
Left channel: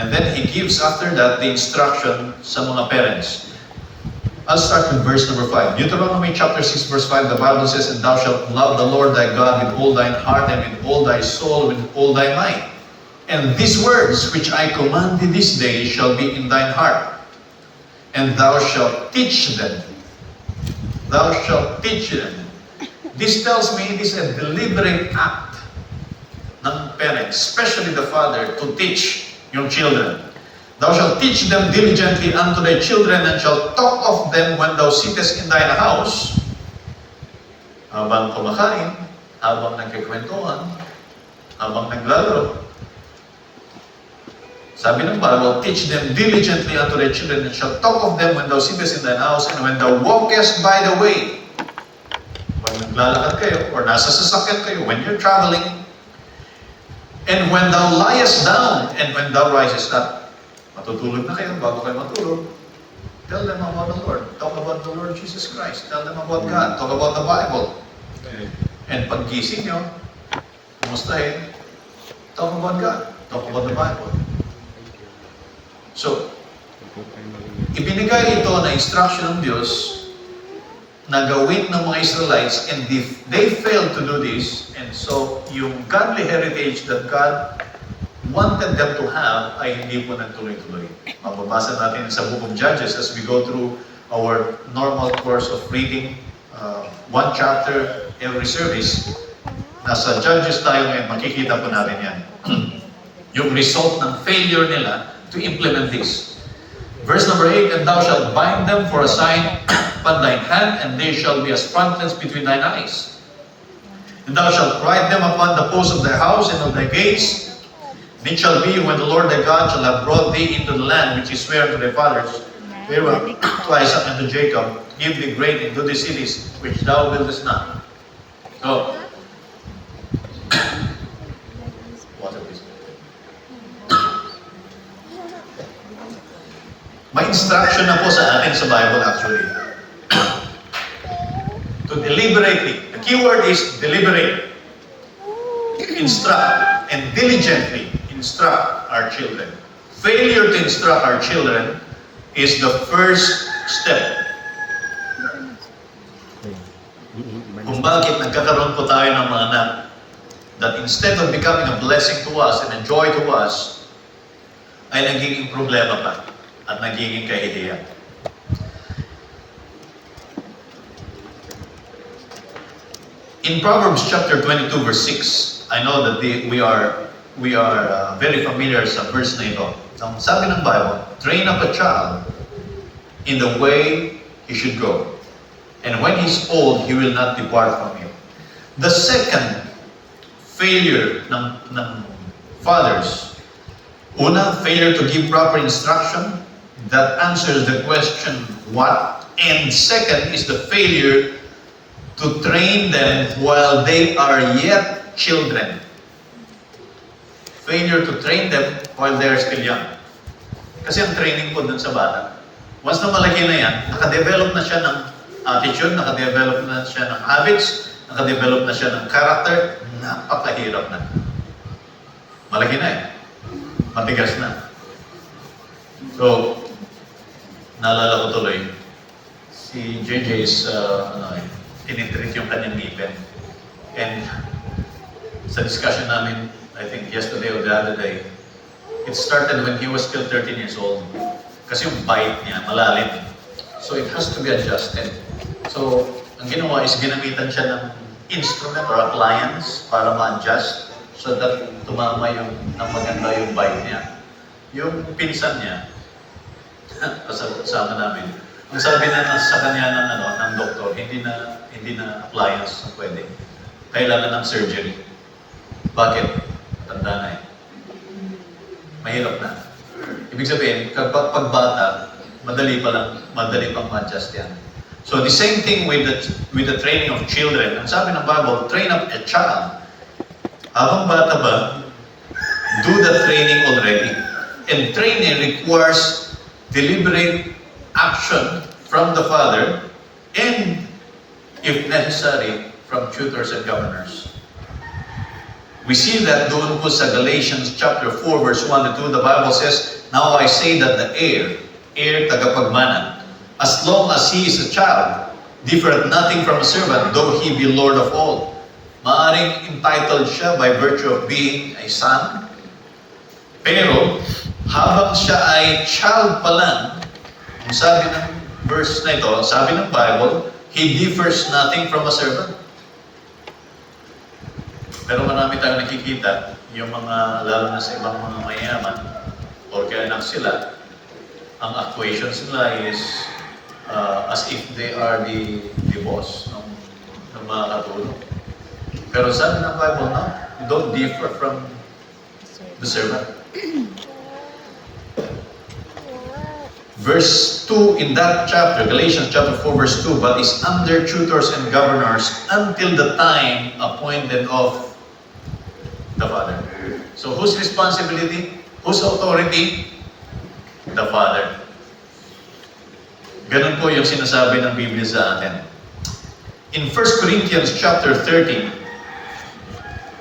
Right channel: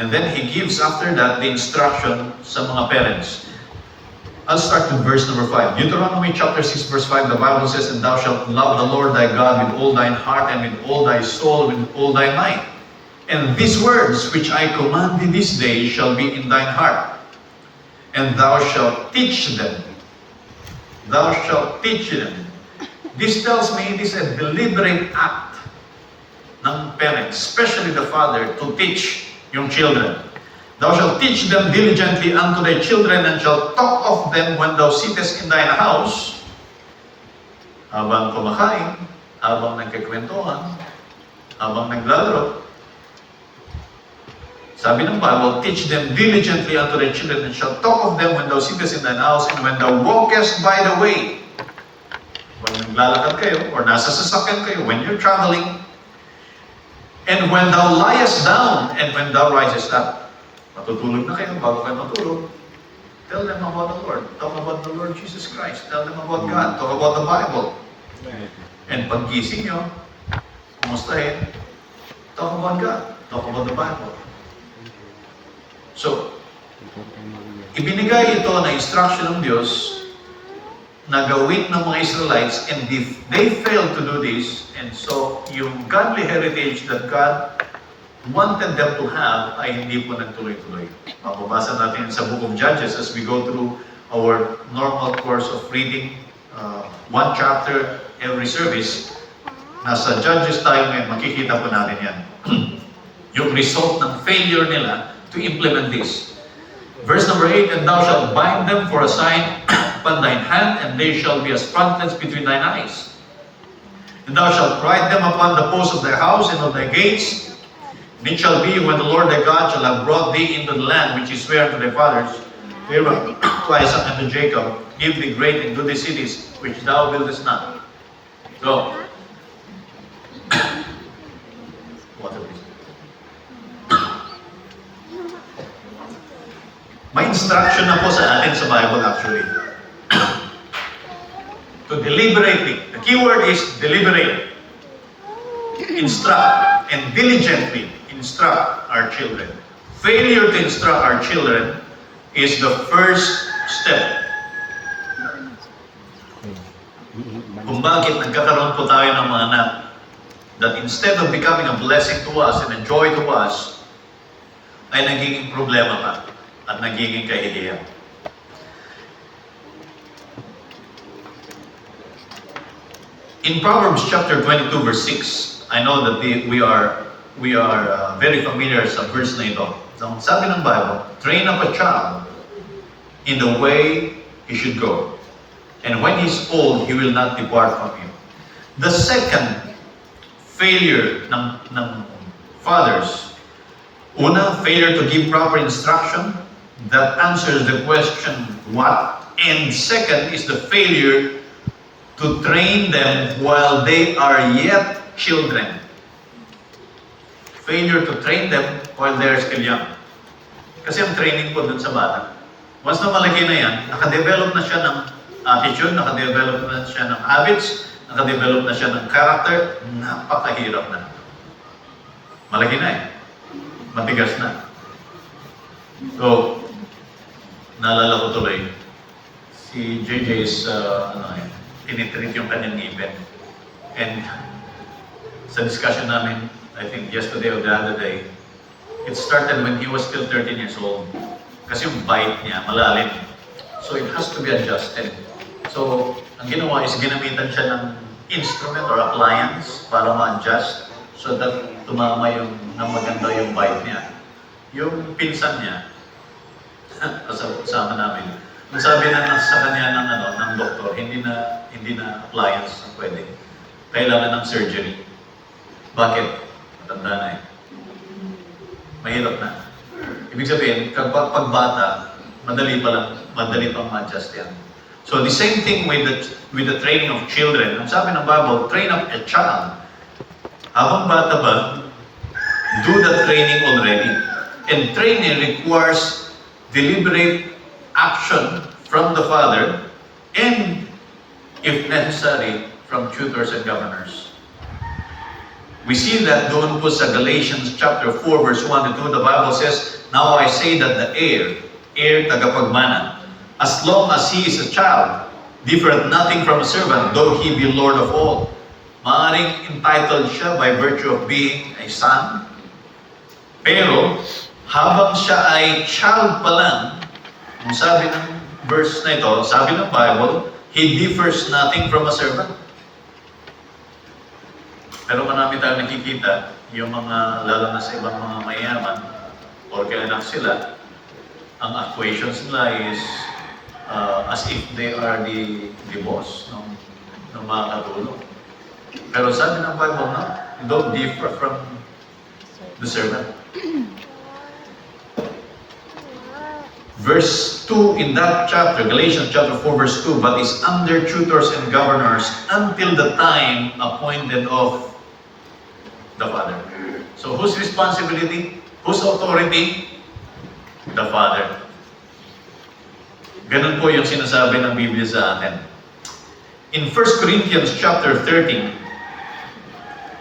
And then He gives after that the instruction sa mga parents. I'll start with verse number 5. Deuteronomy chapter 6 verse 5, the Bible says, "And thou shalt love the Lord thy God with all thine heart and with all thy soul and with all thy might. And these words which I command thee this day shall be in thine heart. And thou shalt teach them." Thou shalt teach them. This tells me this is a deliberate act ng parents, especially the father, to teach yung children. "Thou shalt teach them diligently unto thy children, and shalt talk of them when thou sittest in thine house," habang kumakain, habang nagkikwentuhan, habang naglalaro. Sabi ng Bible, "Teach them diligently unto thy children, and shalt talk of them when thou sittest in thine house, and when thou walkest by the way." When naglalakad kayo, or nasa sasakyan kayo, when you're traveling, "and when thou liest down, and when thou risest up." Matutulog na kayo, bago kayo matulog, tell them about the Lord. Talk about the Lord Jesus Christ. Tell them about God. Talk about the Bible. And pag gising nyo, kumustahin, talk about God. Talk about the Bible. So, ibinigay ito na instruction ng Diyos na gawin ng mga Israelites, and if they fail to do this, and so yung godly heritage that God wanted them to have ay hindi po nagtuloy-tuloy. Mababasa natin sa Book of Judges as we go through our normal course of reading one chapter every service. Nasa Judges tayo ngayon, makikita po natin yan. Yung result ng failure nila to implement this. Verse number 8, and thou shalt bind them for a sign upon thine hand, and they shall be as frontlets between thine eyes. And thou shalt write them upon the posts of thy house and on thy gates. And it shall be when the Lord thy God shall have brought thee into the land which he sware unto thy fathers, Abraham, to Isaac, and to Jacob, give thee great and goodly cities, which thou buildest not. So, water please. May instruction na po sa atin sa Bible actually. To deliberately, the key word is deliberate. Instruct and diligently instruct our children. Failure to instruct our children is the first step. Kung bakit nagkakaroon po tayo ng mga anak that instead of becoming a blessing to us and a joy to us, ay nagiging problema pa at nagiging kahihiyan. In Proverbs chapter 22 verse 6, I know that we are very familiar sa verse na ito. Sabi ng Bible, train up a child in the way he should go. And when he's old, he will not depart from him. The second failure ng fathers, una, failure to give proper instruction, that answers the question, what? And second is the failure to train them while they are yet children. Failure to train them while they're still young. Kasi ang training po dun sa bata, once na malaki na yan, nakadevelop na siya ng attitude, nakadevelop na siya ng habits, nakadevelop na siya ng character, napakahirap na. Malaki na eh. Matigas na. So, naalala ko tuloy, si JJ is, tinitreat yung kanyang ngipin. And sa discussion namin, I think yesterday or the other day, it started when he was still 13 years old. Kasi yung bite niya, malalim. So it has to be adjusted. So, ang ginawa is ginamitan siya ng instrument or appliance para ma-adjust so that tumama yung, nang maganda yung bite niya. Yung pinsan niya, kasama namin, ang sabi na sa kanya ng doktor, hindi na appliance ang pwede. Kailangan ng surgery. Bakit? Tanda na eh. Mahirap na. Ibig sabihin, pag bata, madali pang ma-adjust yan. So the same thing with the training of children. Ang sabi ng Bible, train up a child. Habang bata ba, do the training already. And training requires deliberate action from the father and, if necessary, from tutors and governors. We see that doon po sa Galatians chapter 4 verse 1 to 2, the Bible says, now I say that the heir tagapagmana, as long as he is a child, differeth nothing from a servant, though he be Lord of all. Maaring entitled siya by virtue of being a son, pero habang siya ay child pa lang, ang sabi ng verse na ito, sabi ng Bible, he differs nothing from a servant. Pero marami tayong nakikita, yung mga, lalo na sa ibang mga mayaman, o kaya anak sila, ang equations nila is as if they are the boss ng mga katulong. Pero sabi ng Bible, no, you don't differ from the servant. Verse 2 in that chapter, Galatians chapter 4 verse 2, but is under tutors and governors until the time appointed of the Father. So whose responsibility? Whose authority? The Father. Ganun po yung sinasabi ng Biblia sa atin. In 1 Corinthians chapter 13,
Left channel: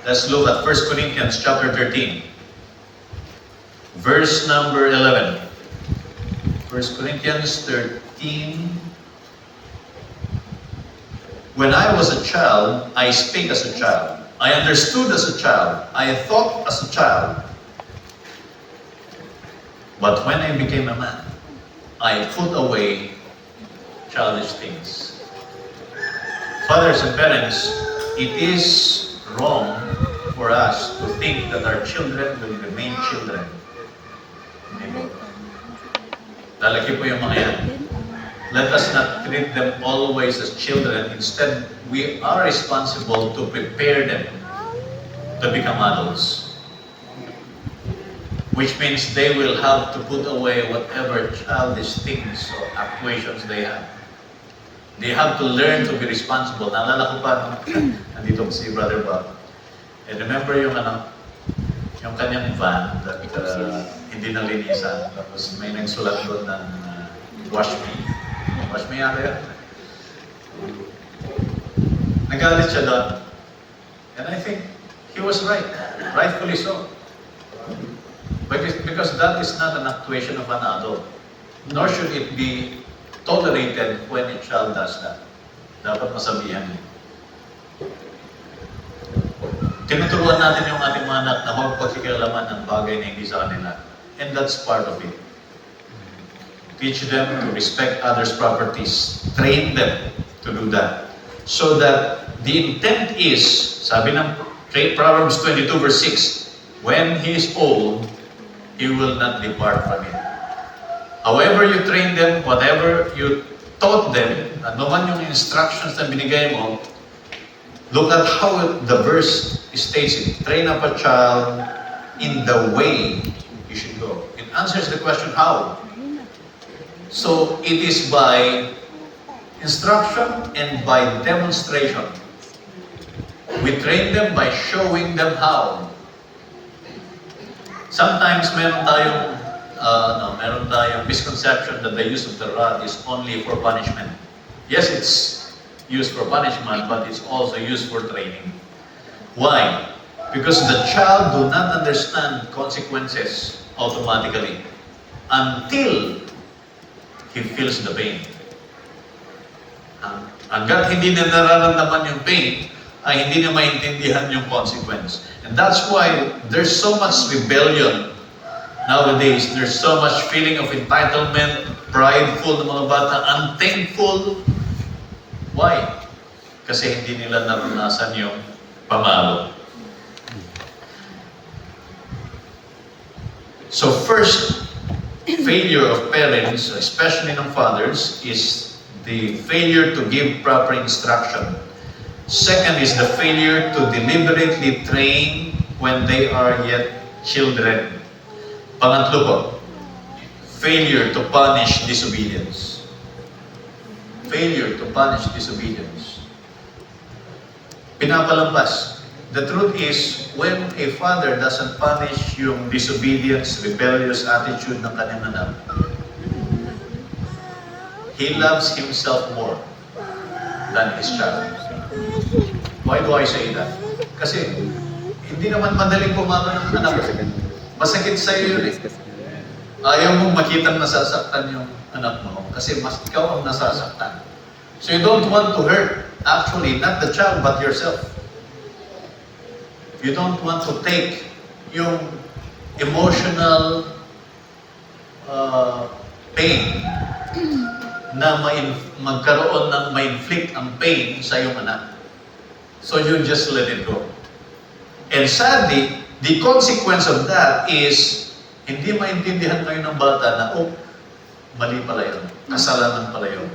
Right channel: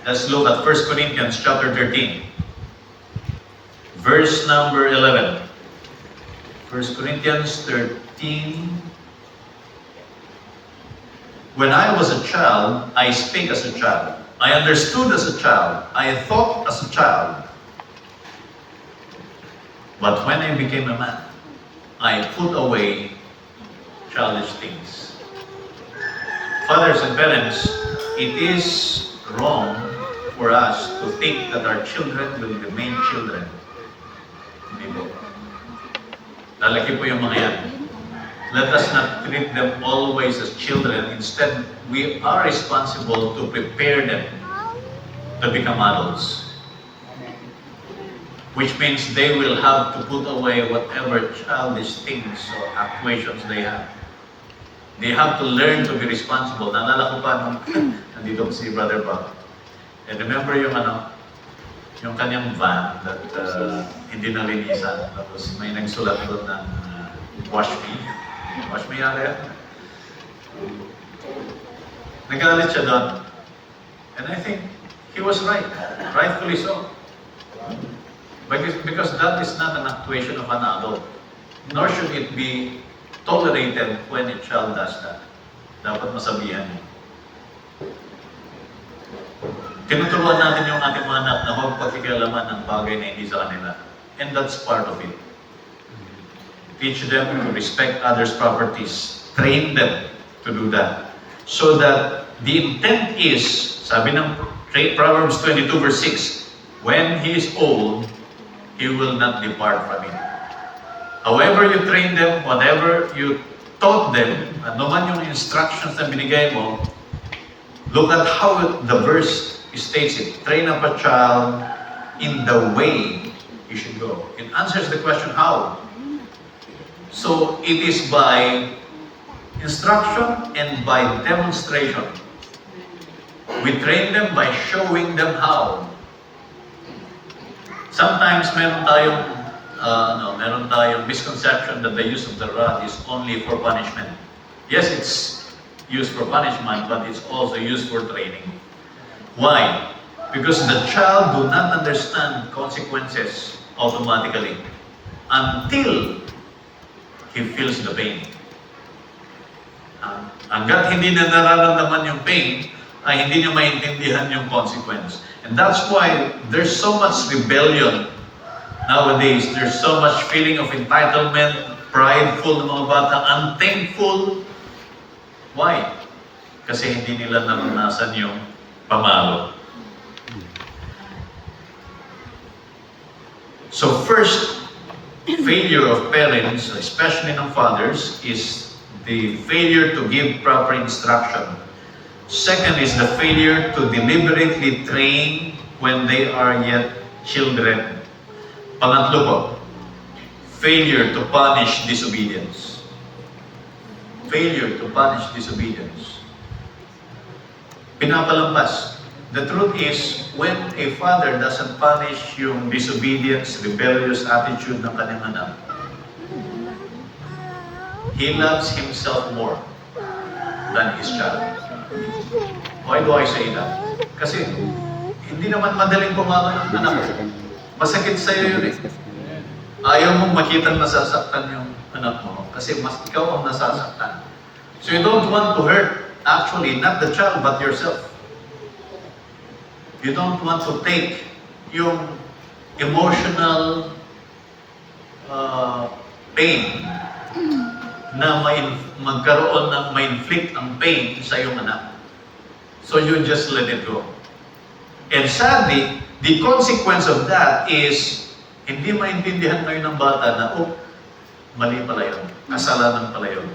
let's look at 1 Corinthians chapter 13, verse number 11. 1 Corinthians 13. When I was a child, I spake as a child. I understood as a child. I thought as a child. But when I became a man, I put away childish things. Fathers and parents, it is wrong for us to think that our children will remain children. Hindi po. Lalaki po yung mga yan. Let us not treat them always as children. Instead, we are responsible to prepare them to become adults. Which means they will have to put away whatever childish things or actuations they have. They have to learn to be responsible. Naalala ko pa nung nandito si Brother Bob. And remember yung yung kanyang van that hindi nalinisan. Tapos may nagsulat doon ng wash me. Wash me area. Nagalit siya doon. And I think he was right. Rightfully so. Because that is not an actuation of an adult. Nor should it be tolerated when a child does that. Dapat masabihan niya. Tinuturuan natin yung ating mga anak na huwag pagkikialaman ng bagay na hindi sa kanila. And that's part of it. Teach them to respect others' properties. Train them to do that. So that the intent is, sabi ng Proverbs 22 verse 6, when he is old, he will not depart from it. However you train them, whatever you taught them, ano man yung instructions na binigay mo, look at how the verse states it. Train up a child in the way he should go. It answers the question, how? So, it is by instruction and by demonstration. We train them by showing them how. Sometimes meron tayong misconception that the use of the rod is only for punishment. Yes, it's used for punishment, but it's also used for training. Why? Because the child do not understand consequences automatically until he feels the pain. Hanggat hindi na nararamdaman yung pain, ay hindi niya maintindihan yung consequence. And that's why there's so much rebellion nowadays. There's so much feeling of entitlement, prideful ng mga bata, unthankful. Why? Kasi hindi nila naranasan yung pamalo. So first, failure of parents, especially ng fathers, is the failure to give proper instruction. Second is the failure to deliberately train when they are yet children. Pangatlo po, failure to punish disobedience. Failure to punish disobedience. Pinapalampas. The truth is, when a father doesn't punish yung disobedience, rebellious attitude ng kanyang anak, he loves himself more than his child. Why do I say that? Kasi hindi naman madaling pumalo ng anak. Masakit sa'yo yun eh. Ayaw mong makitang nasasaktan yung anak mo kasi mas ikaw ang nasasaktan. So you don't want to hurt, actually, not the child, but yourself. You don't want to take yung emotional pain na magkaroon ng ma-inflict ang pain sa iyong anak. So you just let it go. And sadly, the consequence of that is hindi maintindihan ngayon ng bata na, oh, mali pala yun. Kasalanan pala yun.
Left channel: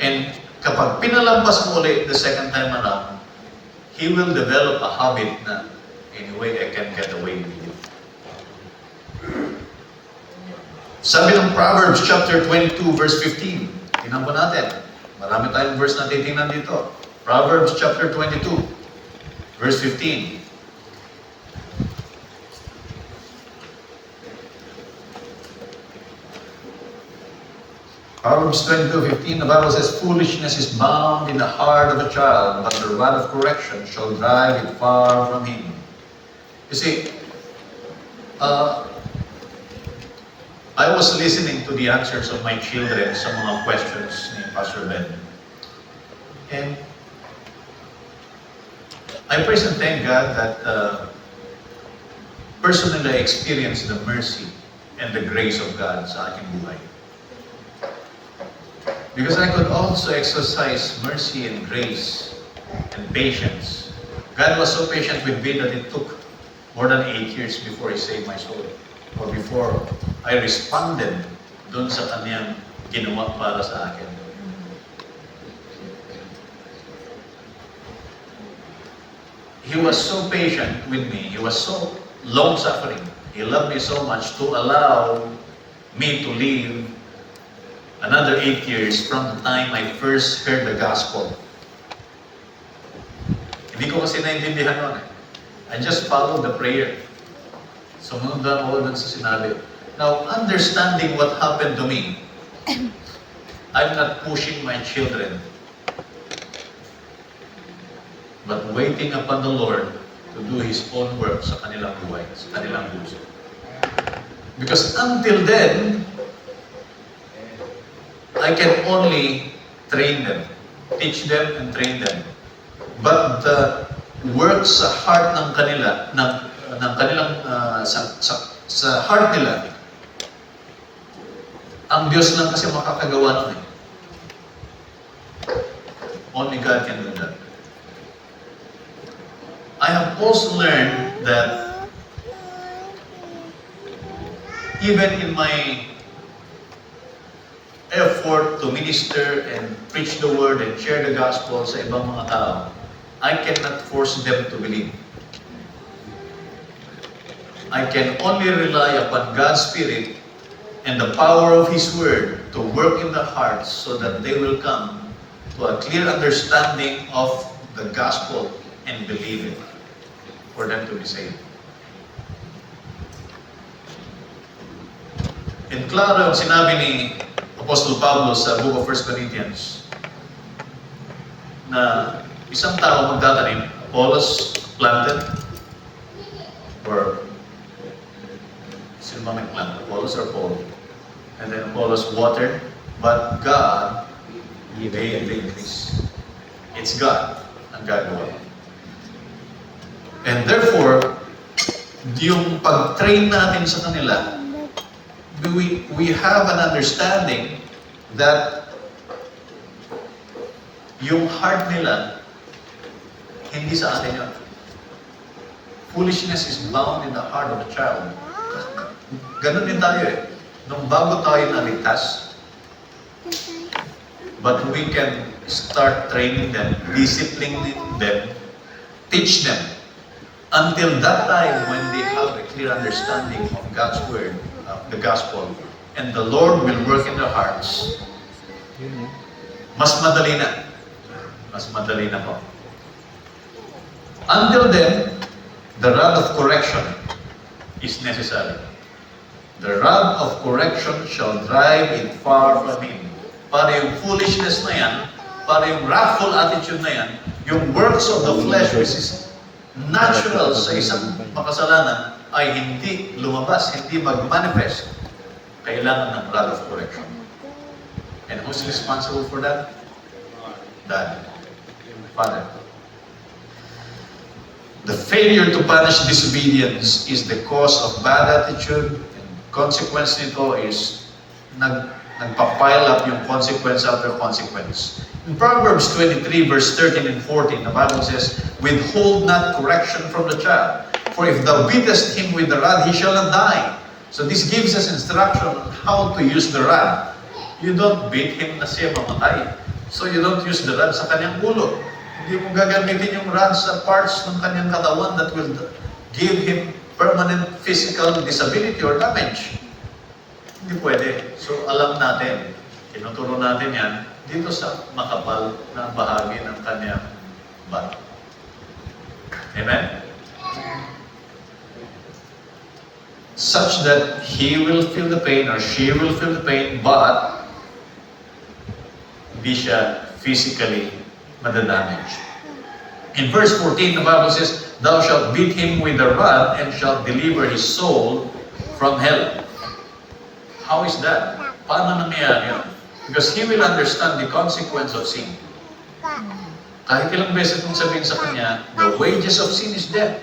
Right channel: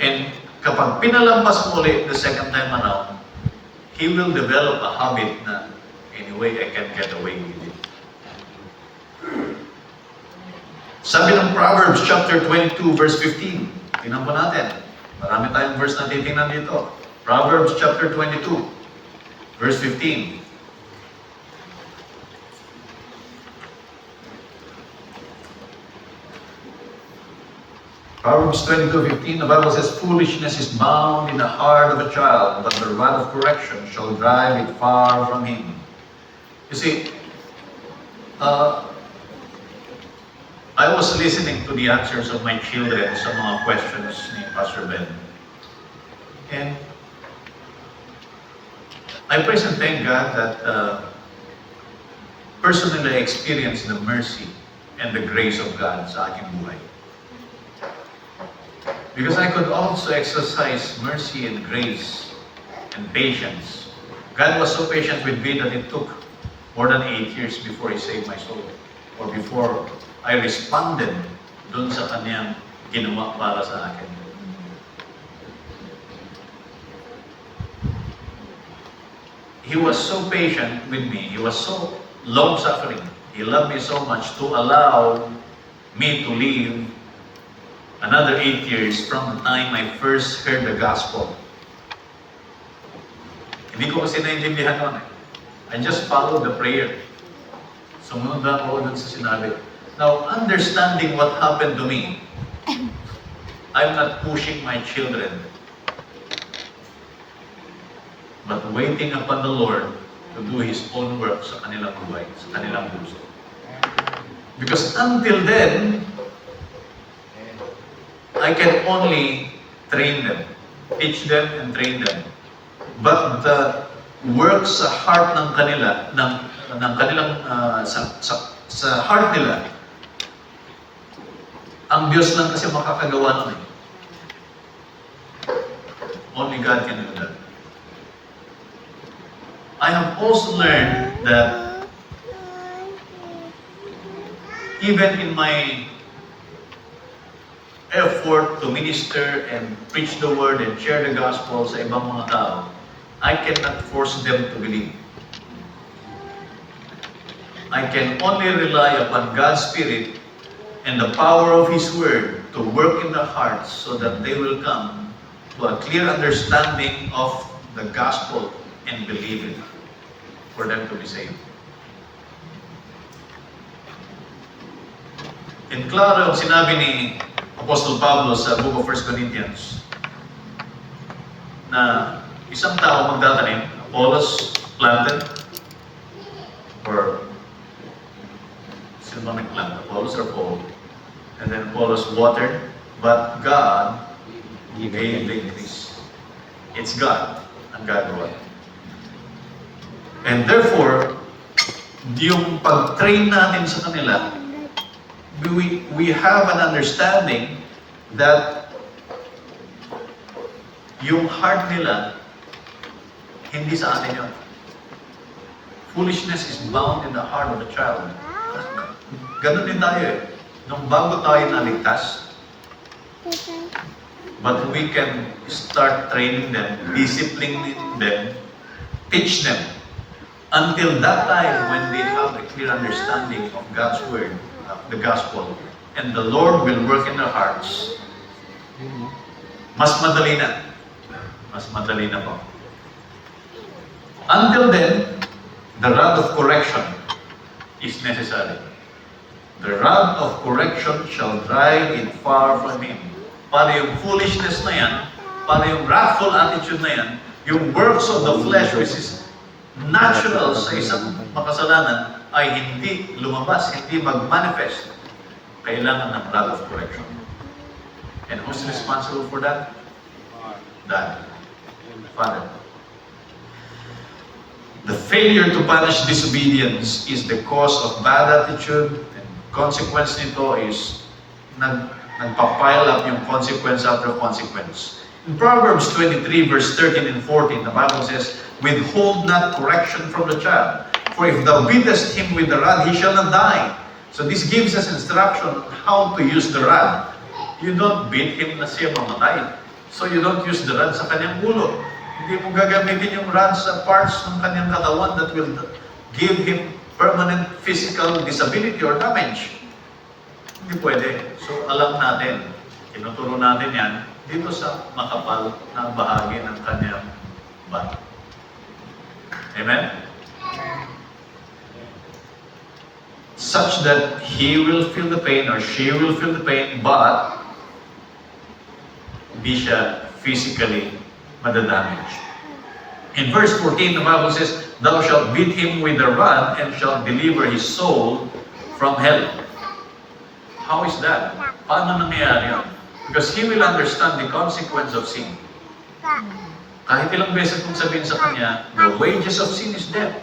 And kapag pinalampas mo ulit the second time around, he will develop a habit na, anyway, I can get away with it. Sabi ng Proverbs chapter 22 verse 15. Tingnan po natin. Marami tayong verse na titingnan dito. Proverbs chapter 22 verse 15. Proverbs 22:15, the Bible says, foolishness is bound in the heart of a child, but the rod of correction shall drive it far from him. You see, I was listening to the answers of my children sa mga questions ni Pastor Ben. And I praise and thank God that personally I experienced the mercy and the grace of God sa aking buhay. Because I could also exercise mercy and grace and patience. God was so patient with me that it took more than 8 years before He saved my soul. Or before I responded dun sa Kanyang ginawa para sa akin. He was so patient with me. He was so long-suffering. He loved me so much to allow me to live another 8 years from the time I first heard the gospel. Hindi ko kasi naintindihan noon eh. I just followed the prayer. Sumunod lang ako dun sa sinabi. Now, understanding what happened to me, I'm not pushing my children, but waiting upon the Lord to do His own work sa kanilang buhay, sa kanilang puso. Because until then, I can only train them, teach them and train them. But the work sa heart ng kanila, ng kanilang, sa heart nila, ang Diyos lang kasi makakagawa nun eh. Only God can do that. I have also learned that even in my effort to minister and preach the word and share the gospel sa ibang mga tao, I cannot force them to believe. I can only rely upon God's Spirit and the power of His Word to work in their hearts so that they will come to a clear understanding of the gospel and believe it for them to be saved. In klaro ang sinabi ni Apostle Pablo sa Book of 1 Corinthians na isang tao magtatanim, Apollos planted, or sino bang nagplant? Apollos or Paul? And then Apollos watered, but God gave the increase. It's God ang gagawa. And therefore, yung pag-train natin sa kanila, we have an understanding that yung heart nila, hindi sa atin yun. Foolishness is bound in the heart of a child. Ganun din tayo eh. Nung bago tayo naligtas, but we can start training them, disciplining them, teach them, until that time when they have a clear understanding of God's Word, the gospel, and the Lord will work in their hearts. Mas madali na. Mas madali na po. Until then, the rod of correction is necessary. The rod of correction shall drive it far from him. Para yung foolishness na yan, para yung wrathful attitude na yan, yung works of the flesh which is natural sa isang makasalanan ay hindi lumabas, hindi mag-manifest. Kailangan ng rod of correction. And who's responsible for that? Dad. Father. The failure to punish disobedience is the cause of bad attitude, and consequence nito is nagpa-pile up yung consequence after consequence. In Proverbs 23 verse 13 and 14, the Bible says, "Withhold not correction from the child, for if thou beatest him with the rod, he shall not die." So this gives us instruction on how to use the rod. You don't beat him na siya mamatay. So you don't use the rod sa kanyang ulo. Hindi mo gagamitin yung rod sa parts ng kanyang katawan that will give him permanent physical disability or damage. Hindi pwede. So alam natin, tinuturo natin yan dito sa makapal na bahagi ng kanyang back. Amen? Such that he will feel the pain or she will feel the pain, but hindi siya physically madadamage. In verse 14, the Bible says, "Thou shalt beat him with the rod and shalt deliver his soul from hell." How is that? Paano nangyayari yun? Because he will understand the consequence of sin. Kahit ilang beses mong sabihin sa kanya, the wages of sin is death.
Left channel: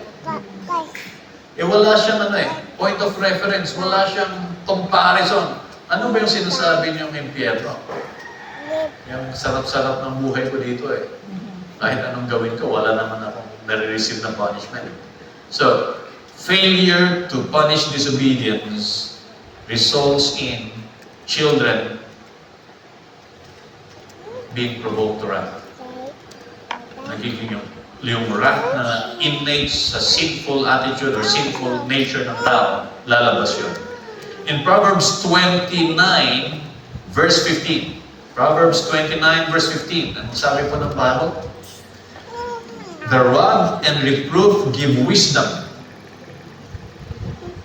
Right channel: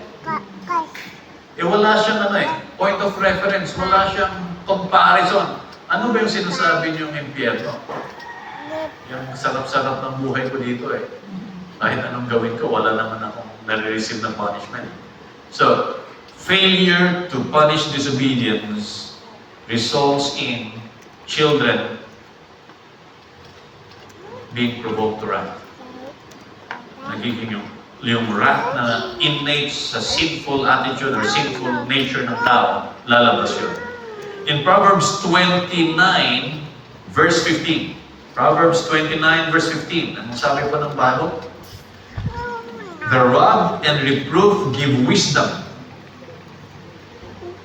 Wala siyang point of reference, wala siyang comparison. Ano ba yung sinasabi niyong impyerno? Yung sarap-sarap ng buhay ko dito eh. Kahit anong gawin ko, wala naman akong nare-receive na punishment. So, failure to punish disobedience results in children being provoked to wrath. Nagiging yung wrath na innate sa sinful attitude or sinful nature ng tao, lalabas yun. In Proverbs 29, verse 15. Proverbs 29, verse 15. Anong sabi po ng Bible? The rod and reproof give wisdom.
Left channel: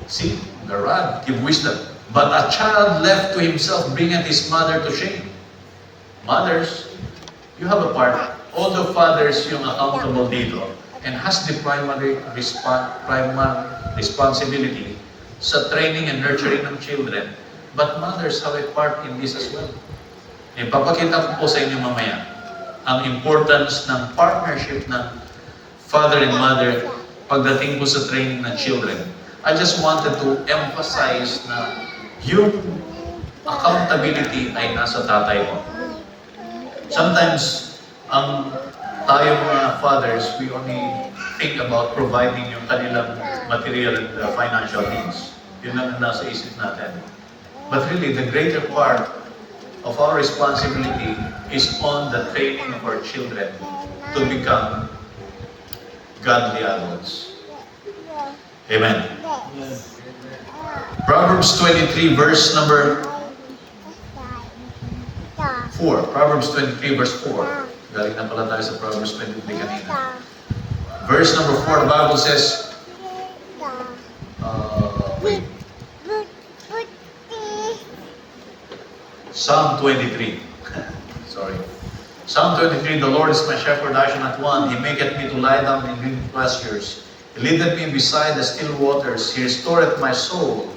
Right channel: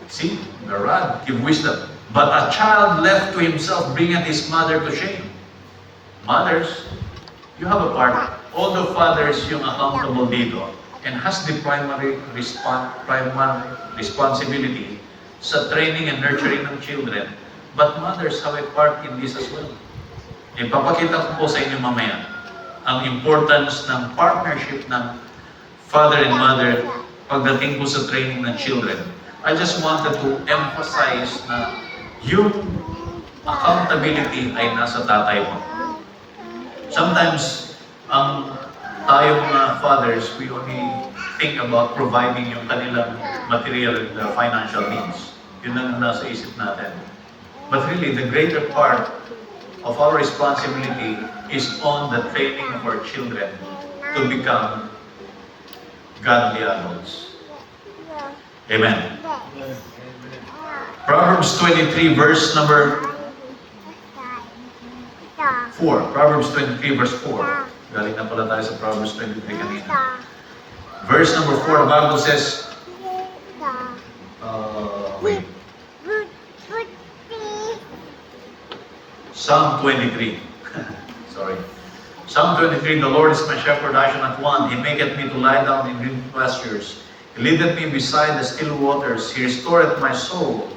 See? The rod give wisdom. But a child left to himself bringeth his mother to shame. Mothers, you have a part. Although fathers yung accountable dito and has the primary responsibility sa training and nurturing ng children, but mothers have a part in this as well. Ipapakita ko po sa inyo mamaya ang importance ng partnership ng father and mother pagdating po sa training ng children. I just wanted to emphasize na yung accountability ay nasa tatay mo. Sometimes, tayong fathers, we only think about providing yung kanilang material and financial needs. Yun ang nasa isip natin. But really, the greater part of our responsibility is on the training of our children to become godly adults. Amen. Proverbs 23, verse number 4. Proverbs 23, verse 4. Galing na pala tayo sa Proverbs 23 kanina. Verse number 4, the Bible says, wait. Psalm 23. Sorry. Psalm 23, the Lord is my shepherd, I shall not want. He maketh me to lie down in green pastures. He leadeth me beside the still waters. He restoreth my soul.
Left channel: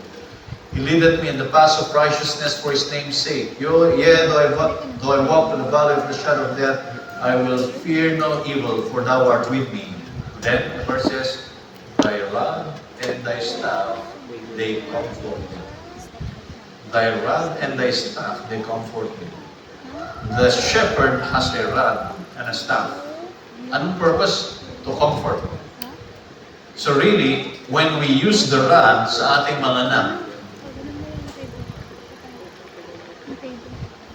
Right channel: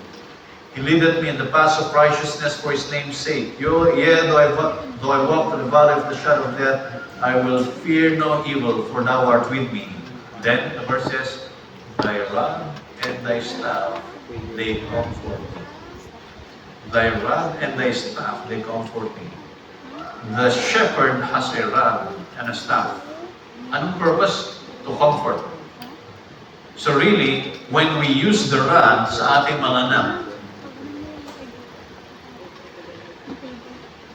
He leadeth me in the paths of righteousness for His name's sake. Yea, though I walk through the valley of the shadow of death, I will fear no evil, for Thou art with me. Then the verse says, Thy rod and Thy staff, they comfort me. Thy rod and Thy staff, they comfort me. The shepherd has a rod and a staff. Anong purpose? To comfort. So really, when we use the rod sa ating mga anak,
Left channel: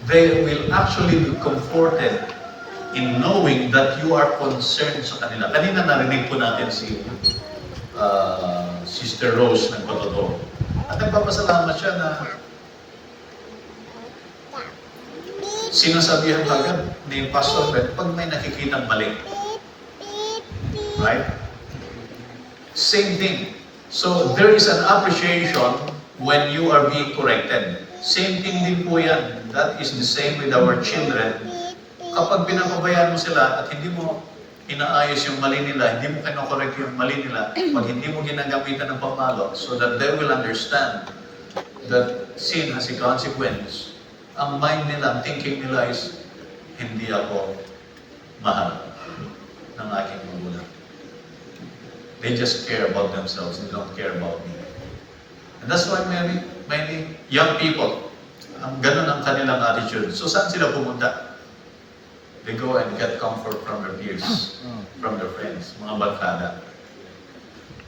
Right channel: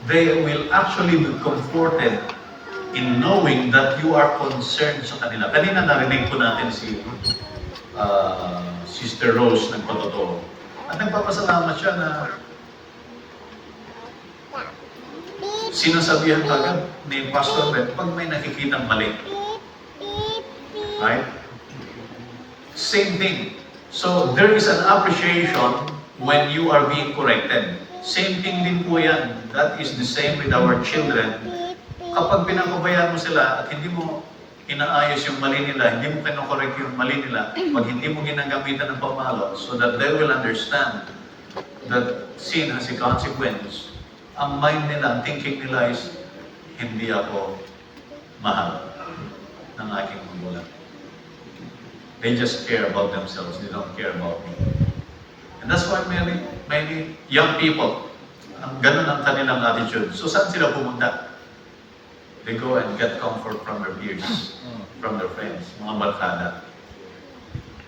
they will actually be comforted in knowing that you are concerned sa kanila. Kanina narinig po natin si Sister Rose nagpatotoo. At nagpapasalamat siya na sinasabihan agad ni Pastor Red pag may nakikitang mali. Right? Same thing. So, there is an appreciation when you are being corrected. Same thing din po yan. That is the same with our children. Kapag pinapabayaan mo sila at hindi mo inaayos yung mali nila, hindi mo kinokorek yung mali nila, pag hindi mo ginagamitan ng pamalo, so that they will understand that sin has a consequence, ang mind nila, ang thinking nila is, hindi ako mahal ng aking magulang. They just care about themselves. They don't care about me. And that's why many young people, ang ganun ang kanilang attitude. So saan sila pumunta? They go and get comfort from their peers, from their friends, mga barkada.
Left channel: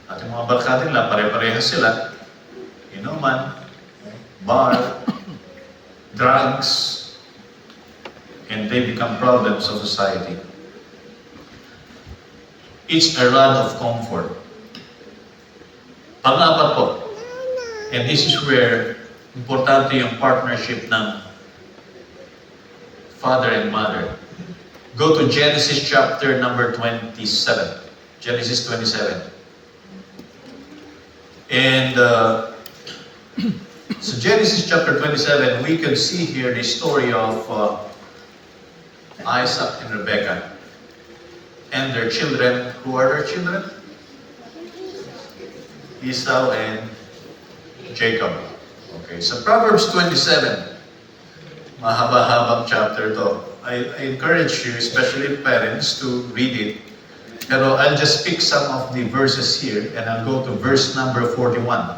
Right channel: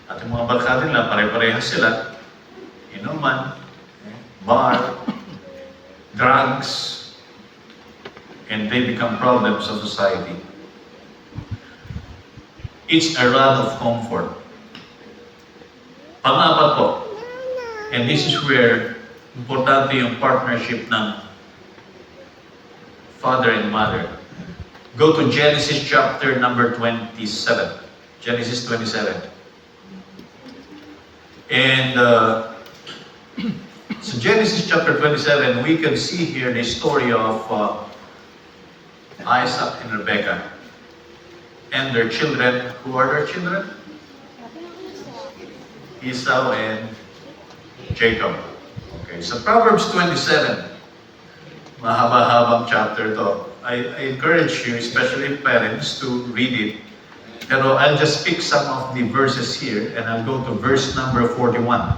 At yung mga barkada nila, pare-parehas sila. Inuman, bar, drugs, and they become problems of society. It's a rod of comfort. Pang-apat po, and this is where importante yung partnership ng father and mother. Go to Genesis chapter number 27. Genesis 27. And so Genesis chapter 27, we can see here the story of Isaac and Rebekah and their children. Who are their children? Esau and Jacob. Okay, so Proverbs 27, mahaba-habang chapter to. I encourage you, especially parents, to read it. Pero I'll just pick some of the verses here and I'll go to verse number 41.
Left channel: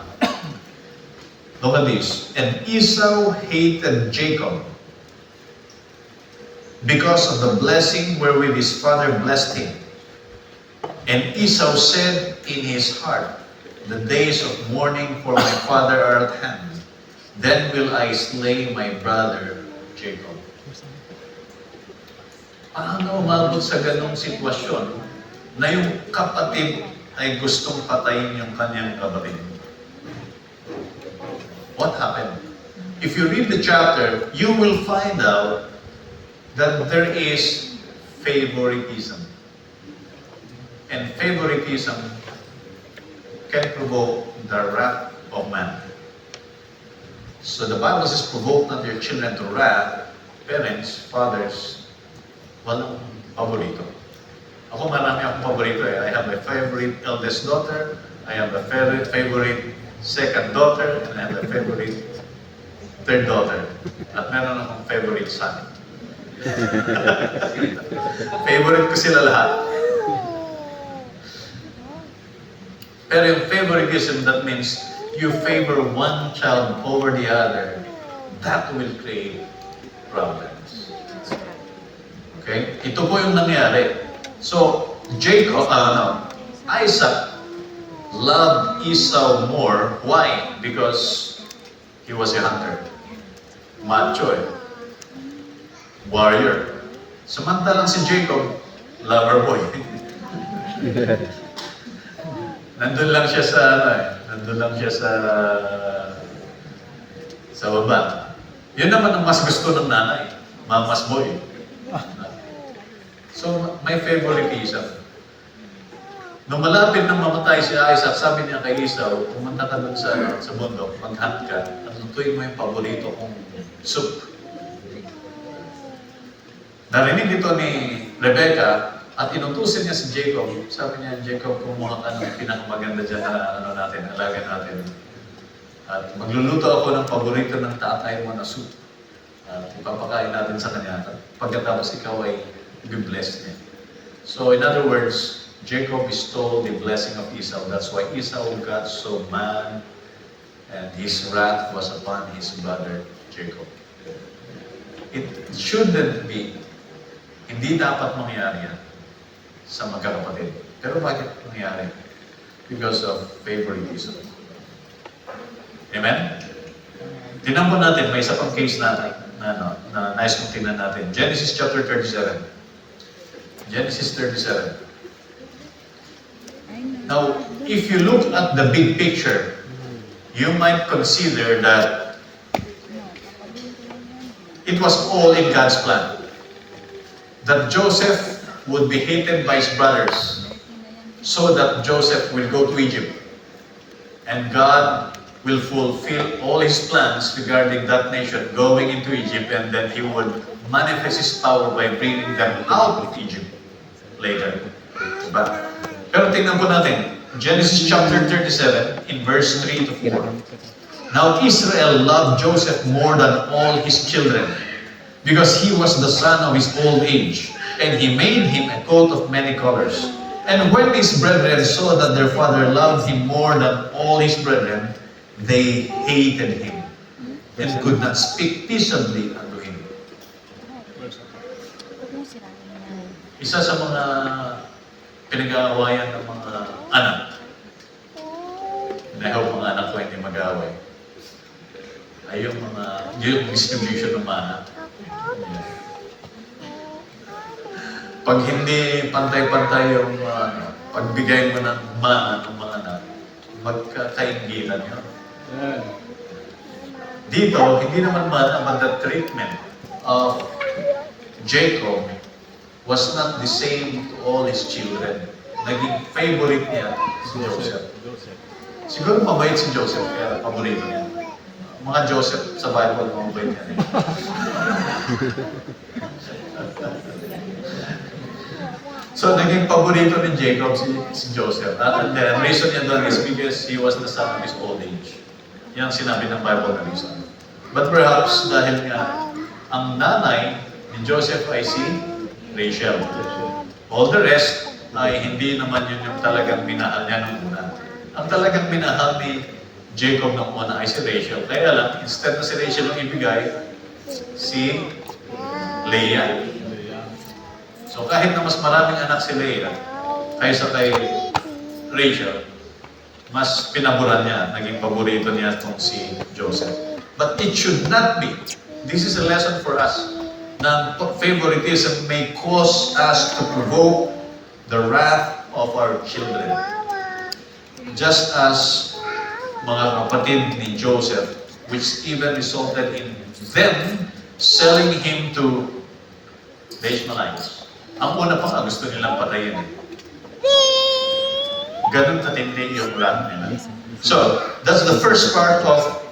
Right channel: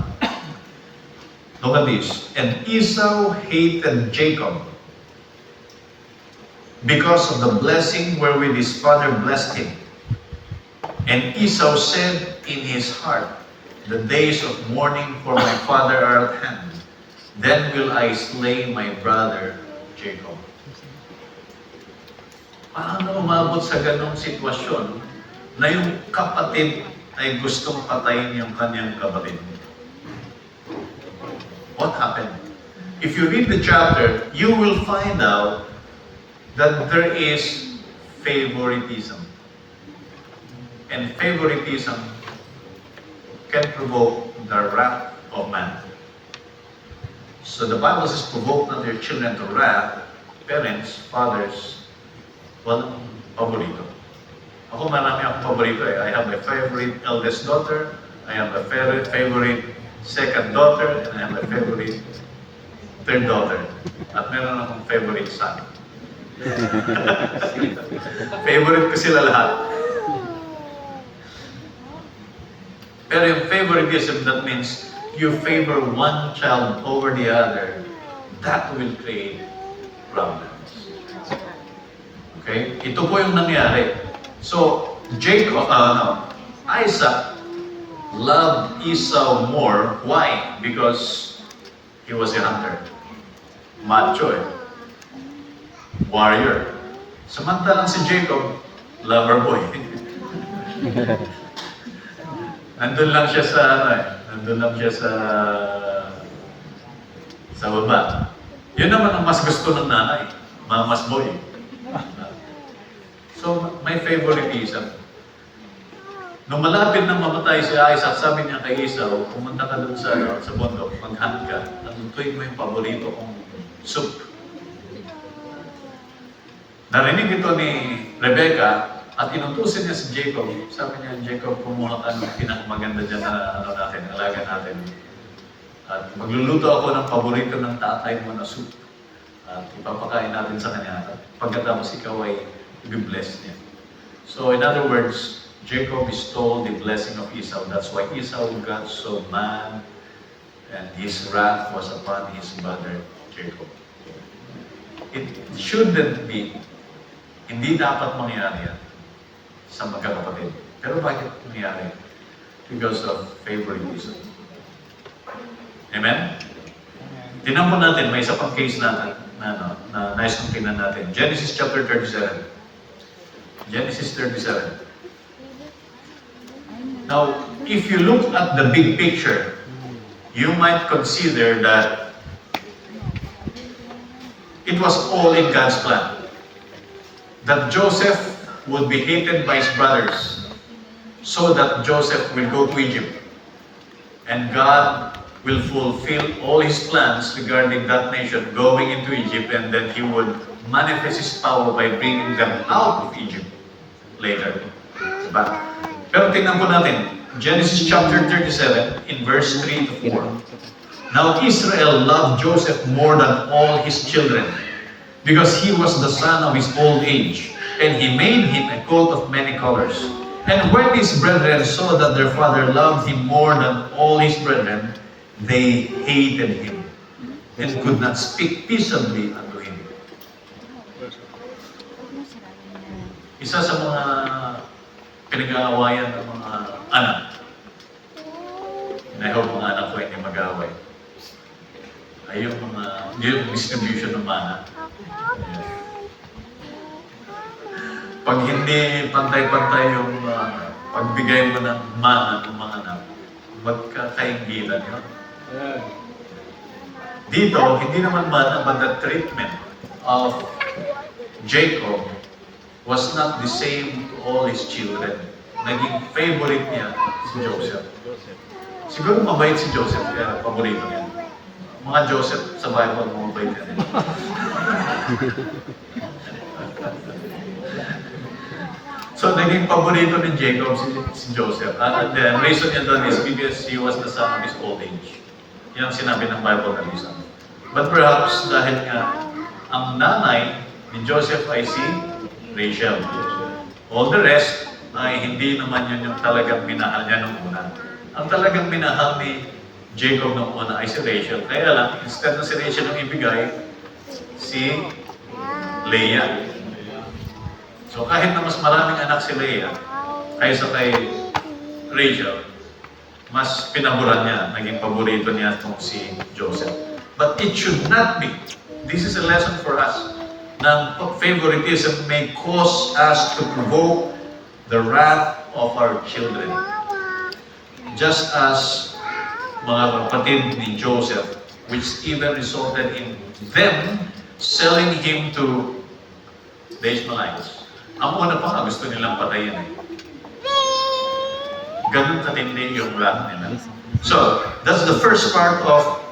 Look at this. And Esau hated Jacob because of the blessing wherewith his father blessed him. And Esau said in his heart, the days of mourning for my father are at hand. Then will I slay my brother Jacob. Paano umabot sa ganong sitwasyon na yung kapatid ay gustong patayin yung kanyang kapatid? What happened? If you read the chapter, you will find out that there is favoritism. And favoritism can provoke the wrath of man. So the Bible says, provoke not your children to wrath. Parents, fathers, walang paborito. Ako marami akong paborito eh. I have my favorite eldest daughter, I have a favorite second daughter, and I have a favorite third daughter. At meron akong favorite son. Favorite ko sila lahat. Pero yung favoritism, that means you favor one child over the other. That will create problems. Okay? Ito po yung nangyari. So, Isaac loved Esau more. Why? Because he was a hunter. Macho eh. Warrior. Samantalang si Jacob, lover boy. Nandun lang siya sa nandun lang siya sa baba. Yun naman ang mas gusto ng nanay, mamas boy. So, may favoritism. Nung malapit nang mamatay si Isaac, sabi niya kay Esau, pumunta ka dun sa bundok, mag-hunt ka, natutuin mo yung paborito kong soup. Narinig ito ni Rebecca, at inutusin niya si Jacob. Sabi niya, Jacob, kumuha ka ng pinakamaganda dyan na alaga natin. At magluluto ako ng paborito ng tatay mo na soup. At ipapakain natin sa kanya. At pagkatapos ikaw ay be-blessed niya. So in other words, Jacob stole the blessing of Esau. That's why Esau got so mad and his wrath was upon his brother Jacob. It shouldn't be. Hindi dapat mangyari yan sa magkakapatid. Pero bakit nangyari? Because of favoritism. Amen? Tingnan po natin, may isa pang case natin na nice kong tingnan natin. Genesis chapter 37. Genesis 37. Now, if you look at the big picture, you might consider that it was all in God's plan. That Joseph would be hated by his brothers so that Joseph will go to Egypt. And God will fulfill all his plans regarding that nation going into Egypt, and then he would manifest his power by bringing them out of Egypt later. Diba? Pero tingnan po natin, Genesis chapter 37 in verse 3 to 4. Now Israel loved Joseph more than all his children, because he was the son of his old age. And he made him a coat of many colors. And when his brethren saw that their father loved him more than all his brethren, they hated him and could not speak peaceably unto him. Isa sa mga pinag-aawayan ng mga anak. And I hope mga anak ko hindi mag-aaway. Ay yung distribution ng mana. Pag hindi pantay-pantay yung pagbigay mo ng mana ng mga anak, magkakaingilan yun. Dito, hindi naman mana, but the treatment of Jacob was not the same to all his children. Naging favorite niya si Joseph. Siguro mabait si Joseph, kaya paborito niya. Mga Joseph sa Bible, mabait niya. So, naging paborito ni Jacob si Joseph. And the reason niya doon is because he was the son of his old age. Yan ang sinabi ng Bible na reason. But perhaps, dahil nga, ang nanay ni Joseph ay si Rachel. All the rest ay hindi naman yun yung talagang minahal niya nung una. Ang talagang minahal ni Jacob nung una ay si Rachel. Kaya lang, instead na si Rachel ang ibigay, si Leah. So kahit na mas maraming anak si Leah kaysa kay Rachel, mas pinaboran niya, naging paborito niya itong si Joseph. But it should not be. This is a lesson for us. Na favoritism may cause us to provoke the wrath of our children. Just as mga kapatid ni Joseph, which even resulted in them selling him to the Ishmaelites. Ang una pa nga, gusto nilang patayin. Ganun katindi yung wrath nila. So, that's the first part of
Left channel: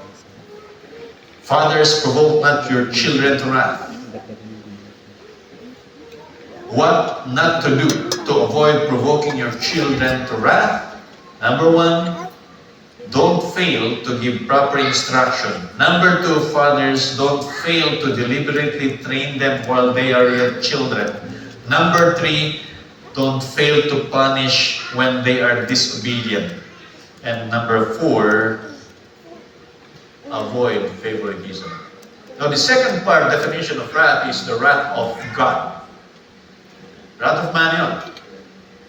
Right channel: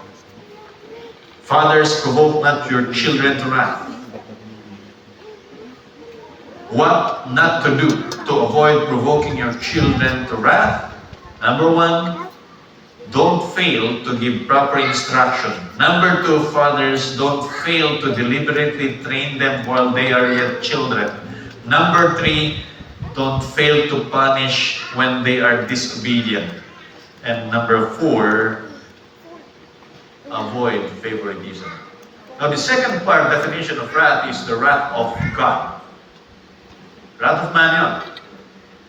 fathers, provoke not your children to wrath. What not to do to avoid provoking your children to wrath? Number one, don't fail to give proper instruction. Number two, fathers, don't fail to deliberately train them while they are yet children. Number three, don't fail to punish when they are disobedient. And number four, avoid favoritism. Now the second part, definition of wrath, is the wrath of God. Wrath of man yun.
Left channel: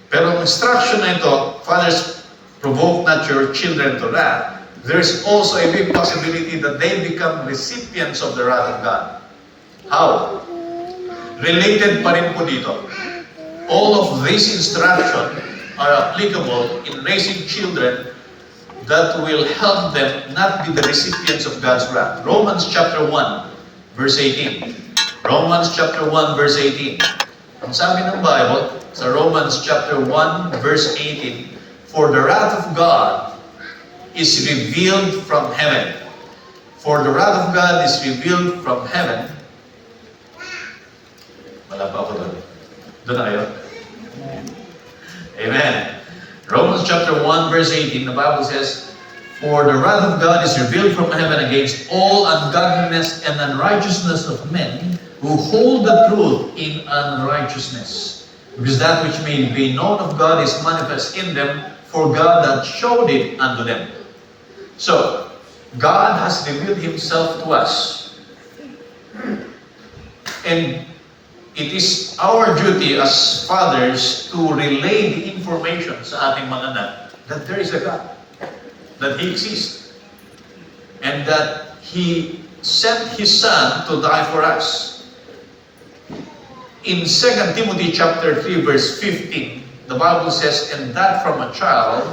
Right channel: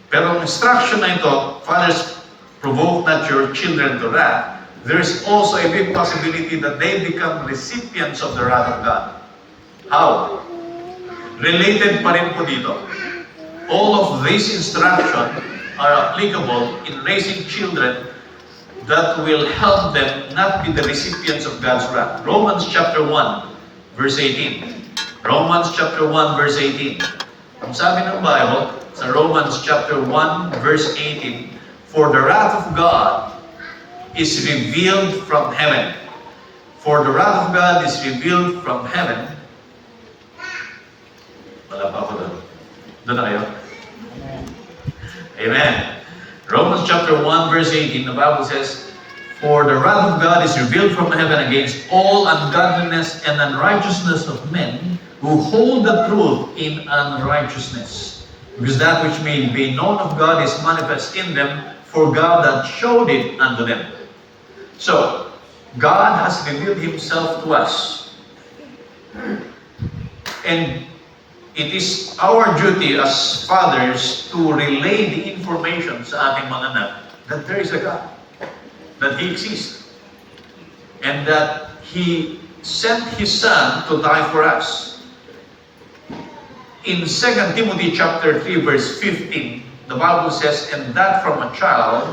Pero ang instruction na ito, fathers, provoke not your children to wrath, there is also a big possibility that they become recipients of the wrath of God. How? Related pa rin po dito. All of these instructions are applicable in raising children that will help them not be the recipients of God's wrath. Romans chapter 1, verse 18. Romans chapter 1, verse 18. Ang sabi ng Bible, sa Romans chapter 1, verse 18, for the wrath of God is revealed from heaven. For the wrath of God is revealed from heaven. Wala pa ako doon. Doon na kayo? Amen. Romans chapter 1, verse 18, the Bible says, for the wrath of God is revealed from heaven against all ungodliness and unrighteousness of men who hold the truth in unrighteousness. Because that which may be known of God is manifest in them, for God that showed it unto them. So, God has revealed Himself to us. And it is our duty as fathers to relay the information sa ating mga anak that there is a God, that He exists, and that He sent His Son to die for us. In 2 Timothy chapter 3, verse 15, the Bible says, and that from a child,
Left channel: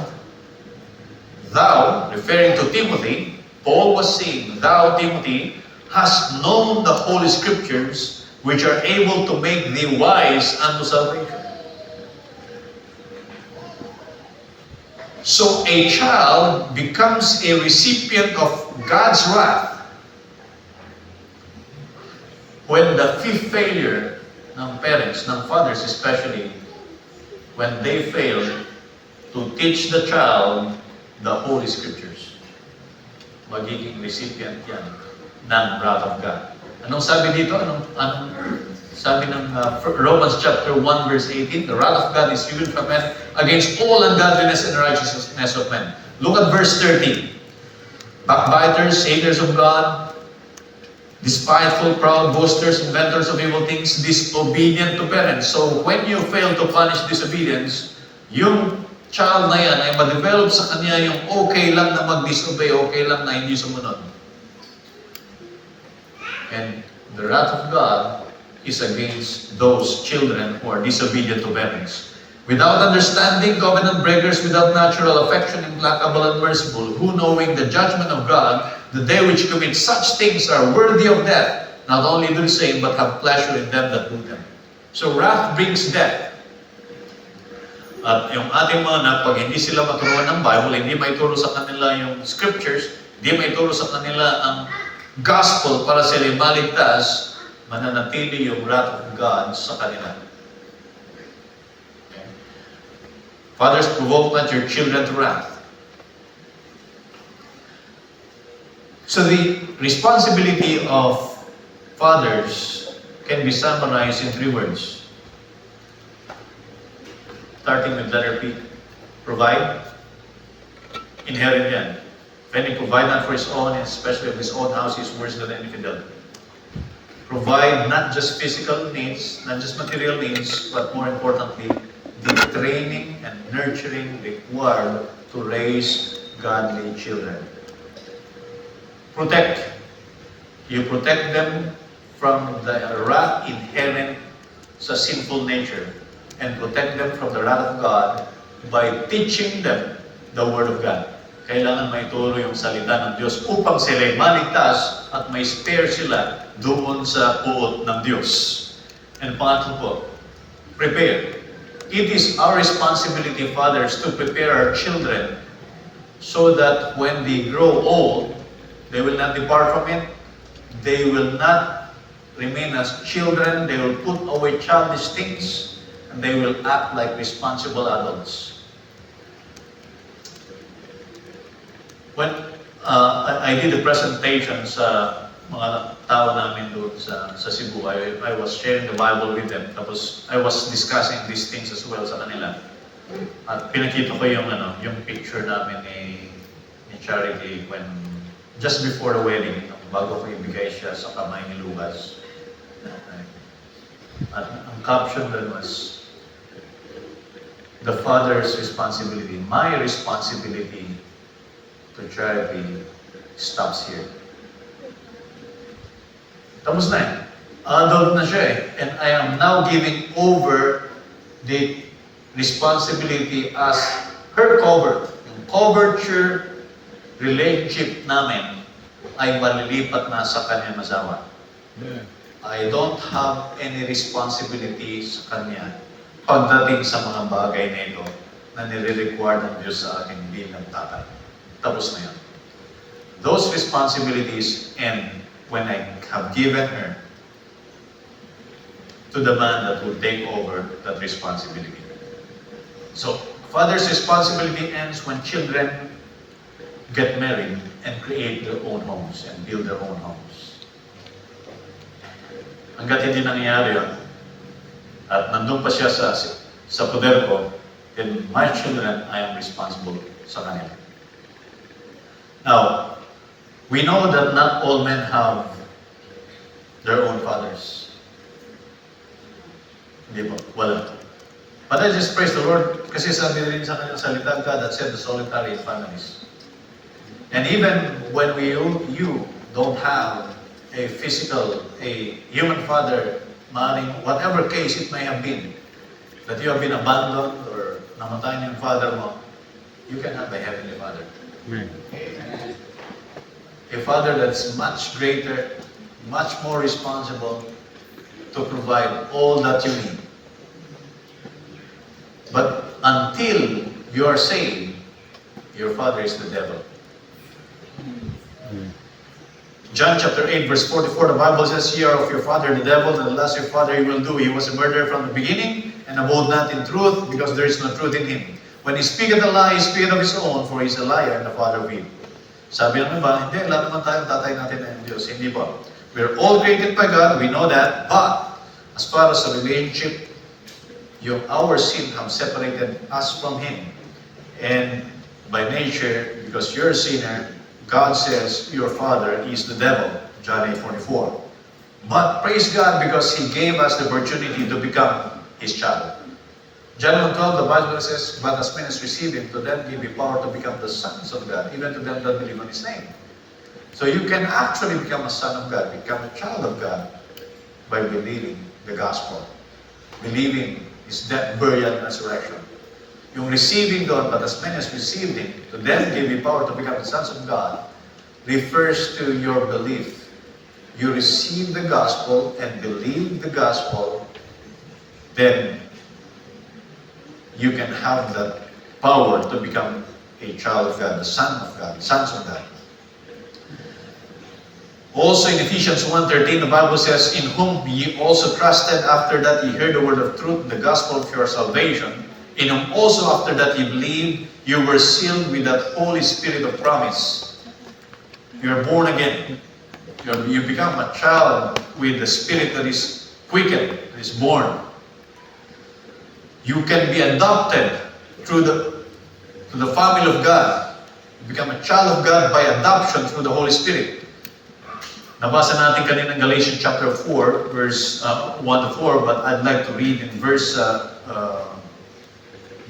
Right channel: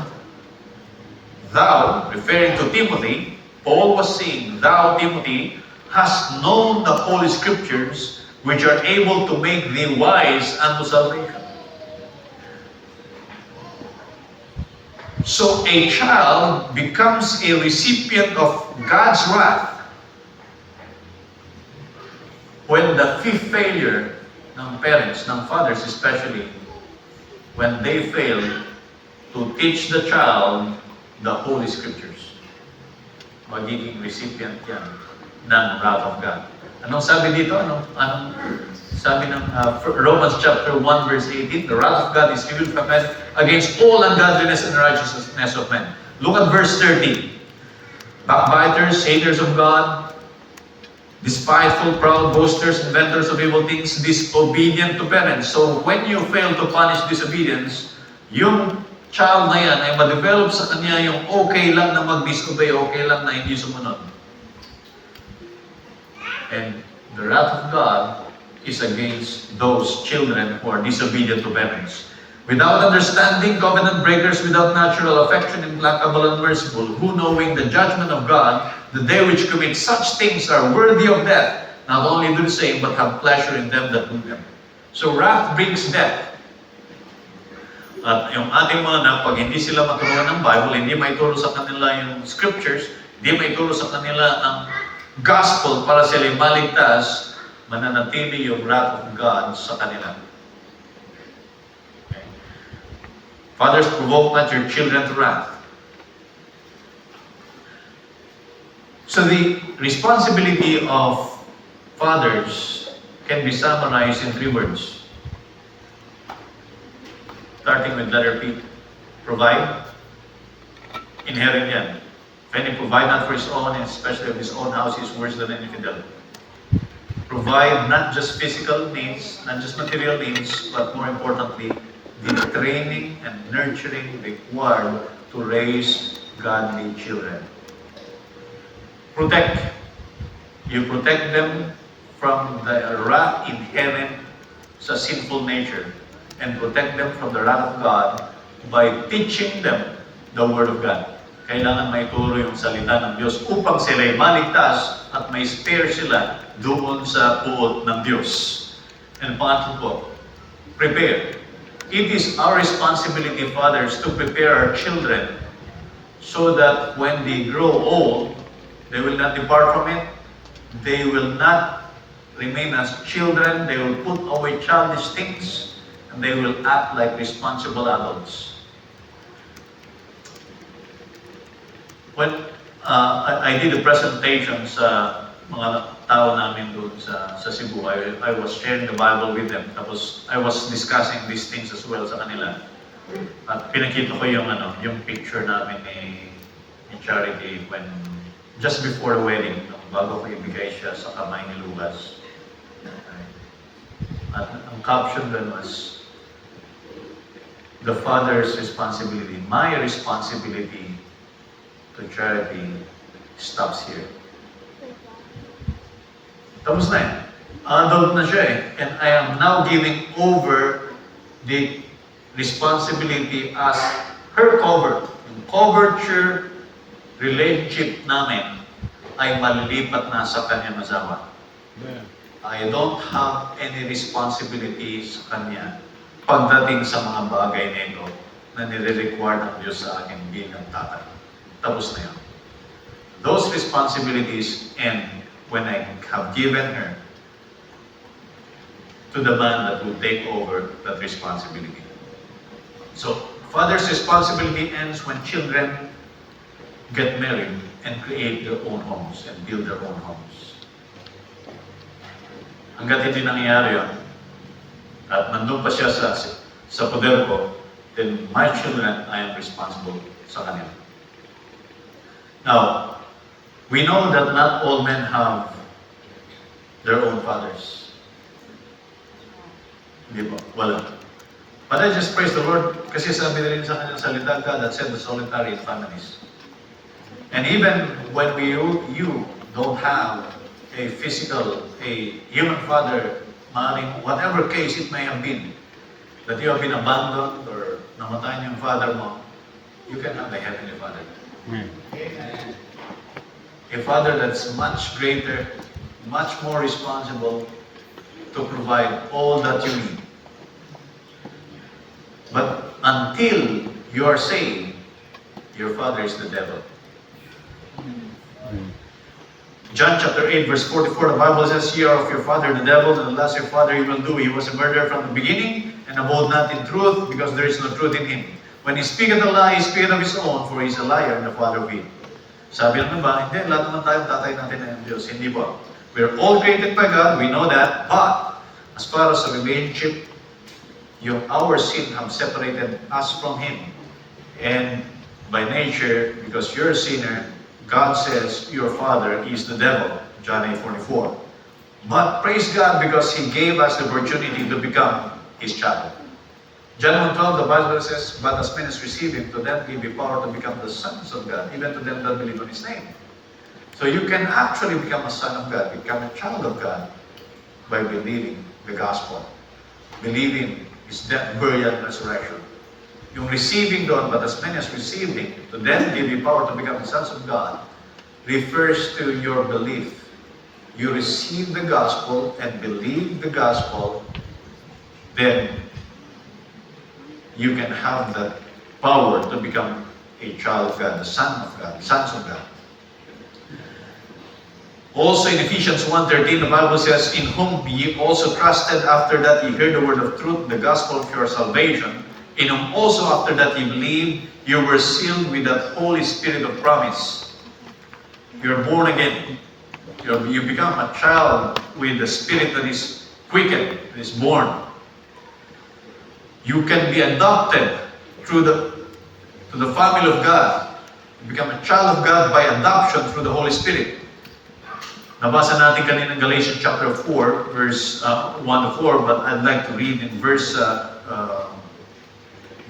thou, referring to Timothy, Paul was saying, thou, Timothy, hast known the Holy Scriptures, which are able to make thee wise unto salvation. So a child becomes a recipient of God's wrath when the fifth failure ng parents, ng fathers especially, when they fail to teach the child the Holy Scriptures. Magiging recipient yan ng wrath of God. Anong sabi dito? Anong sabi ng Romans chapter 1, verse 18? The wrath of God is revealed from men against all ungodliness and righteousness of men. Look at verse 13. Backbiters, haters of God, despiteful, proud, boasters, inventors of evil things, disobedient to parents. So when you fail to punish disobedience, yung child na yan ay ma-develop sa kanya yung okay lang na mag-disobey, okay lang na hindi sumunod. And the wrath of God is against those children who are disobedient to parents. Without understanding, covenant breakers, without natural affection, implacable and merciful, who knowing the judgment of God, that they which commit such things are worthy of death, not only do the same, but have pleasure in them that do them. So wrath brings death. At yung ating mga anak, pag hindi sila maturuan ng Bible, hindi maituro sa kanila yung scriptures, hindi maituro sa kanila ang gospel para sila maligtas, mananatili yung wrath of God sa kanila. Okay. Fathers, provoke not your children to wrath. So the responsibility of fathers can be summarized in 3 words. Starting with letter P. Provide. Inherent yan. If any provide not for his own, and especially of his own house, he is worse than any infidel. provide not just physical needs, not just material needs, but more importantly, the training and nurturing required to raise godly children. Protect. You protect them from the wrath inherent sa sinful nature and protect them from the wrath of God by teaching them the Word of God. Kailangan may turo yung salita ng Diyos upang sila'y maligtas at may spare sila doon sa puot ng Diyos. And pangatlo po, prepare. It is our responsibility, fathers, to prepare our children so that when they grow old, they will not depart from it. They will not remain as children. They will put away childish things and they will act like responsible adults. When I did a presentation sa mga tao namin doon sa Cebu, I was sharing the Bible with them. Tapos I was discussing these things as well sa kanila. At pinakita ko yung picture namin ni Charity when just before the wedding, bago ko ibigay siya sa kamay ni Lucas. At ang caption doon was, the father's responsibility, my responsibility to Charity stops here. Tapos na yan. Adult na siya eh. And I am now giving over the responsibility as her cover. Yung coverture relationship namin ay malilipat na sa kanyang asawa. I don't have any responsibility sa kanya pagdating sa mga bagay na ito na nire-require ng Diyos sa akin bilang tatay. Tapos na yan. Those responsibilities end when I have given her to the man that will take over that responsibility. So, father's responsibility ends when children get married and create their own homes and build their own homes. Hanggat hindi nangyayari yun, at nandun pa siya sa poder ko, then my children, I am responsible sa kanila. Now, we know that not all men have their own fathers. Hindi po, wala. But I just praise the Lord kasi sabi rin sa kanyang salita, God that said the solitary families. And even when you don't have a physical, a human father, maaaring whatever case it may have been, that you have been abandoned or namatay yung father mo, you can have a heavenly father. Amen. A father that's much greater, much more responsible to provide all that you need. But until you are saved, your father is the devil. John chapter 8 verse 44, the Bible says, "Ye are of your father the devil, and the lust of your father he will do. He was a murderer from the beginning, and abode not in truth, because there is no truth in him. When he speaketh a lie, he speaketh of his own, for he is a liar and the father of evil." Sabi naman ba, hindi, lahat naman tayo tatay natin ng Diyos. Hindi ba? We are all created by God, we know that, but as far as a relationship, our sin have separated us from Him. And by nature, because you're a sinner, God says your father is the devil, John 8:44. But praise God because He gave us the opportunity to become His child. John 1:12, the Bible says, "But as many as receive Him, to them give He power to become the sons of God, even to them that believe on His name." So you can actually become a son of God, become a child of God, by believing the gospel. Believing His death, burial, and resurrection. Yung receiving doon, but as many as received Him, to them give you power to become the sons of God, refers to your belief. You receive the gospel and believe the gospel, then you can have that power to become a child of God, the son of God, sons of God. Also in Ephesians 1:13, the Bible says, "In whom ye also trusted after that ye heard the word of truth, the gospel of your salvation, in whom also after that ye believed, you were sealed with that Holy Spirit of promise." You are born again. You become a child with the Spirit that is quickened, that is born. You can be adopted to the family of God. You become a child of God by adoption through the Holy Spirit. Nabasa natin kanina ng Galatians chapter 4, verse 1 to 4, but I'd like to read in verse 4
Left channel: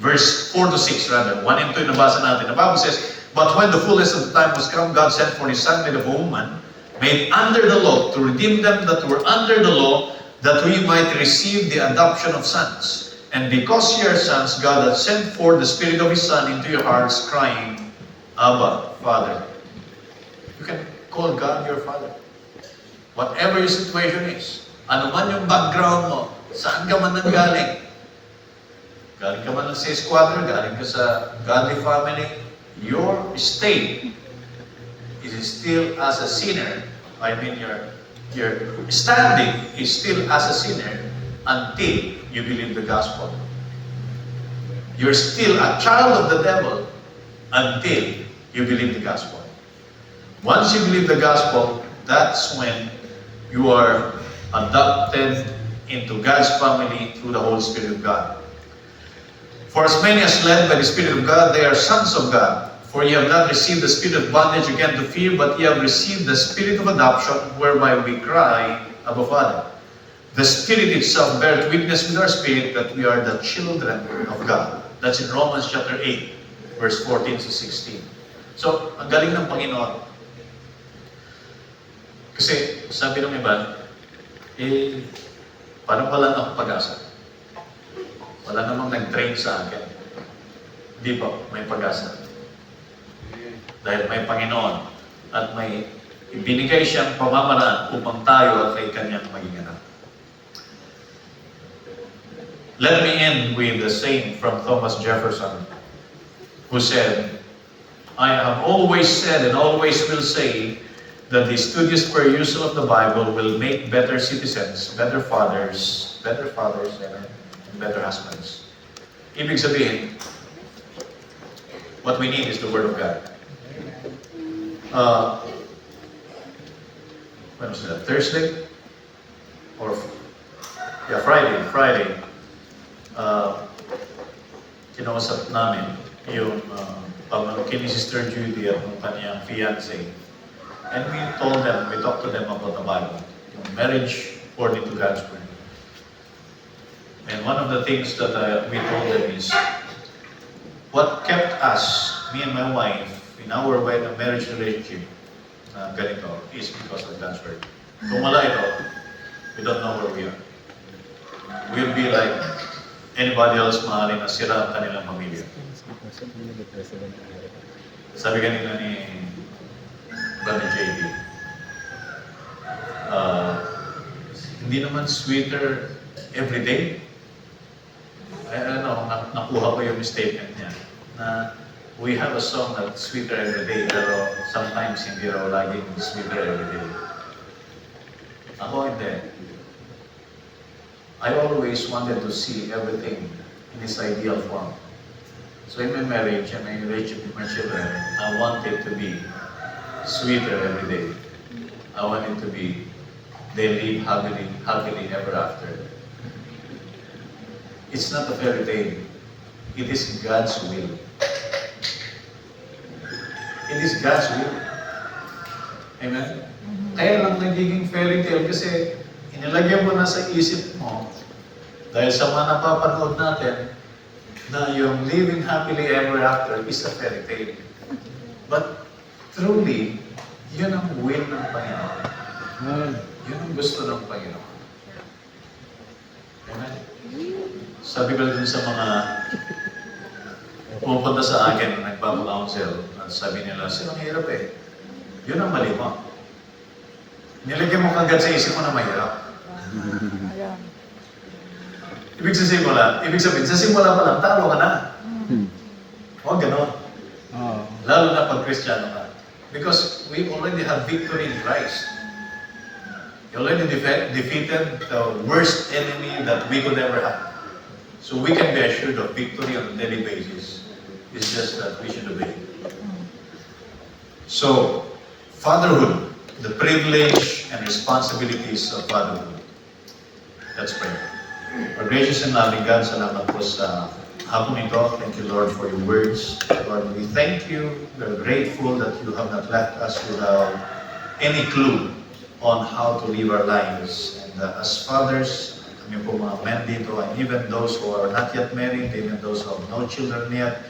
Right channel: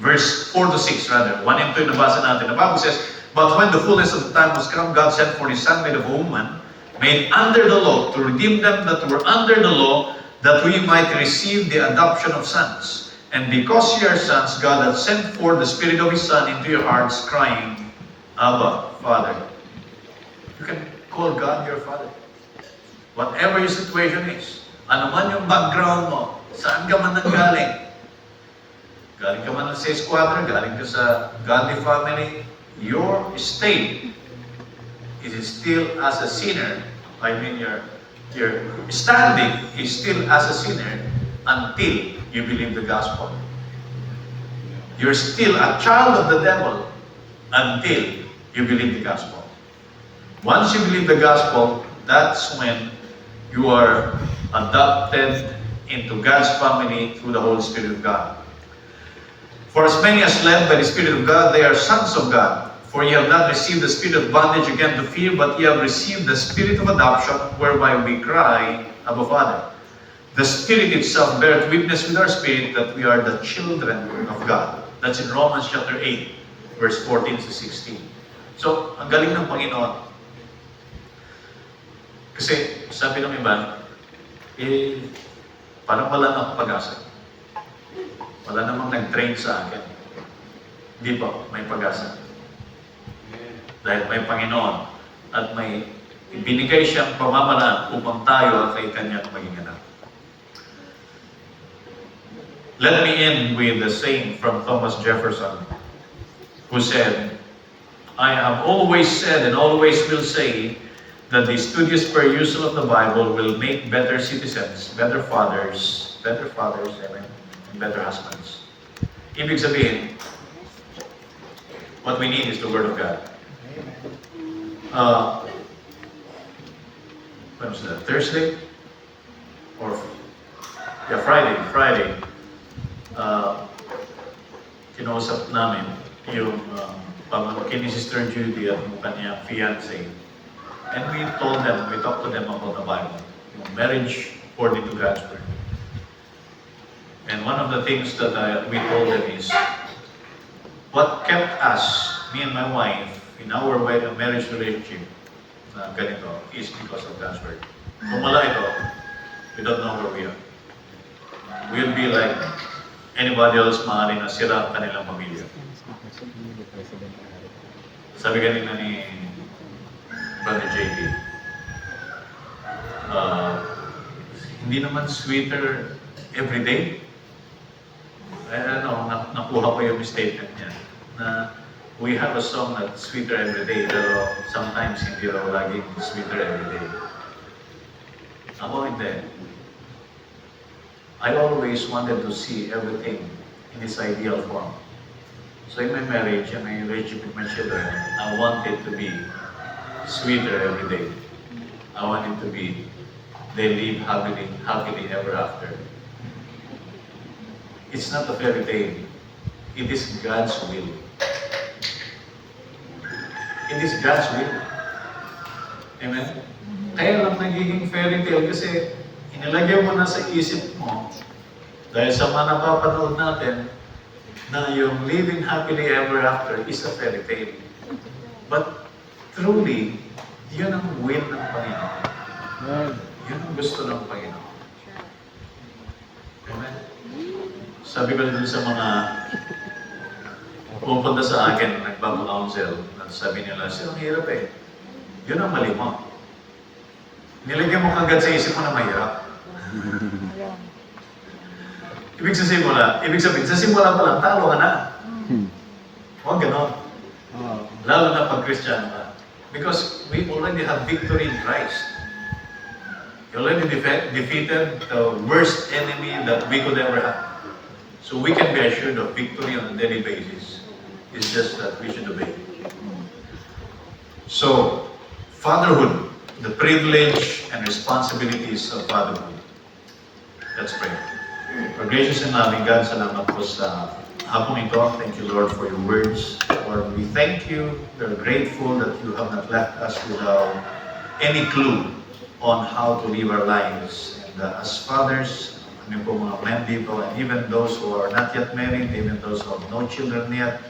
to 6 rather. 1 and 2 nabasa natin. The Bible says, "But when the fullness of the time was come, God sent for His Son, made of a woman, made under the law, to redeem them that were under the law, that we might receive the adoption of sons. And because ye are sons, God hath sent forth the Spirit of His Son into your hearts, crying, Abba, Father." You can call God your Father. Whatever your situation is, ano man yung background mo, saan ka man nanggaling, galing ka man sa squatter, galing ka sa godly family, your state is still as a sinner. I mean, your standing is still as a sinner until you believe the gospel. You're still a child of the devil until you believe the gospel. Once you believe the gospel, that's when you are adopted into God's family through the Holy Spirit of God. For as many as led by the Spirit of God, they are sons of God. For ye have not received the spirit of bondage again to fear, but ye have received the Spirit of adoption, whereby we cry, Abba, Father. The Spirit itself beareth witness with our spirit that we are the children of God. That's in Romans chapter 8, verse 14 to 16. So, ang galing ng Panginoon. Kasi, sabi ng iba, parang wala akong pag-asa. Wala namang nag-train sa akin. Di ba? May pag-asa. Dahil may Panginoon at may ibinigay siyang pamamaraan upang tayo ay kanyang maging anak. Let me end with the saying from Thomas Jefferson, who said, "I have always said and always will say that the studious perusal of the Bible will make better citizens, better fathers, amen, and better husbands." Ibig sabihin, what we need is the Word of God. When was that? Thursday? Or, yeah, Friday. Kinausap namin yung pamangkin ni Sister Judy at yung kanyang fiancé. And we talked to them about the Bible, yung marriage according to God's Word. And one of the things that we told them is, what kept us, me and my wife, in our marriage relationship, ganito, is because of God's Word. Kung wala ito, we don't know where we are. We'll be like anybody else, maaaring nasira ang kanilang pamilya. Sabi kanina ni Brother JP, hindi naman sweeter every day. I don't know, nakuha ko yung statement niya, na we have a song that's sweeter every day, pero sometimes hindi raw laging sweeter every day. Ako hindi. I always wanted to see everything in its ideal form. So in my marriage and my relationship with my children, I want it to be sweeter every day. I want it to be, they live happily ever after. It's not a fairy tale. It is God's will. It is God's will. Amen? Kaya lang nagiging fairy tale kasi inilagay mo na sa isip mo dahil sa mga napapanood natin na yung living happily ever after is a fairy tale. But truly, yun ang will ng Panginoon. Yun ang gusto ng Panginoon. Amen? Sabi ko din sa mga pupunta sa akin, nagpapakounsel, sabi nila, "Sir, ang hirap eh." Yun ang mali mo. Nilagyan mo kagad sa isip mo na mahirap. Ibig sabihin, sa simula pa lang, talo ka na. O, gano'n. Lalo na pag Kristiyano ka. Because we already have victory in Christ. You already defeated the worst enemy that we could ever have. So we can be assured of victory on a daily basis. It's just that we should obey. So, fatherhood, the privilege and responsibilities of fatherhood. Let's pray. Our gracious and loving God, salamat po sa hapon ito. Thank you, Lord, for your words. Lord, we thank you. We are grateful that you have not left us without any clue on how to live our lives. And as fathers, kami po mga men dito, and even those who are not yet married, even those who have no children yet,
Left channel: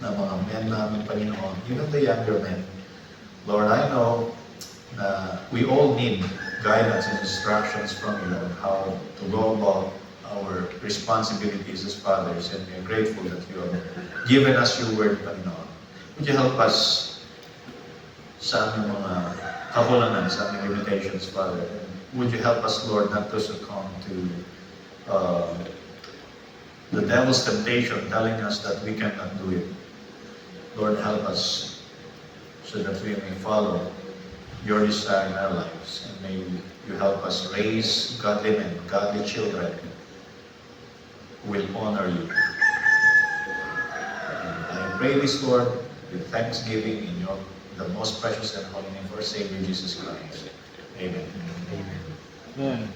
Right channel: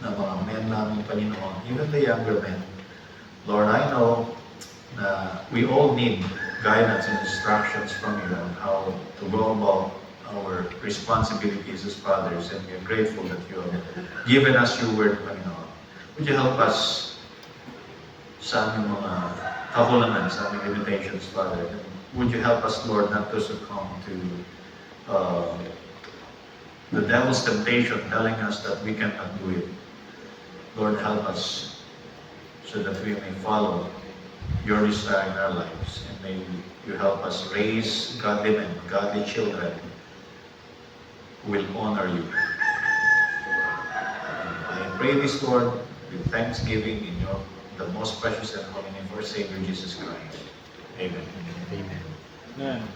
na mga men namin, Panginoon, even the younger men, Lord, I know na we all need guidance and instructions from you on how to go about our responsibilities as fathers, and we are grateful that you have given us your word, Panginoon. Would you help us sa aming mga kakulangan, sa aming limitations, Father? And would you help us, Lord, not to succumb to the devil's temptation telling us that we cannot do it. Lord, help us so that we may follow your desire in our lives, and may you help us raise godly men, godly children who will honor you. And I pray this, Lord, with thanksgiving in the most precious and holy name of our Savior Jesus Christ. Amen. Amen. Amen.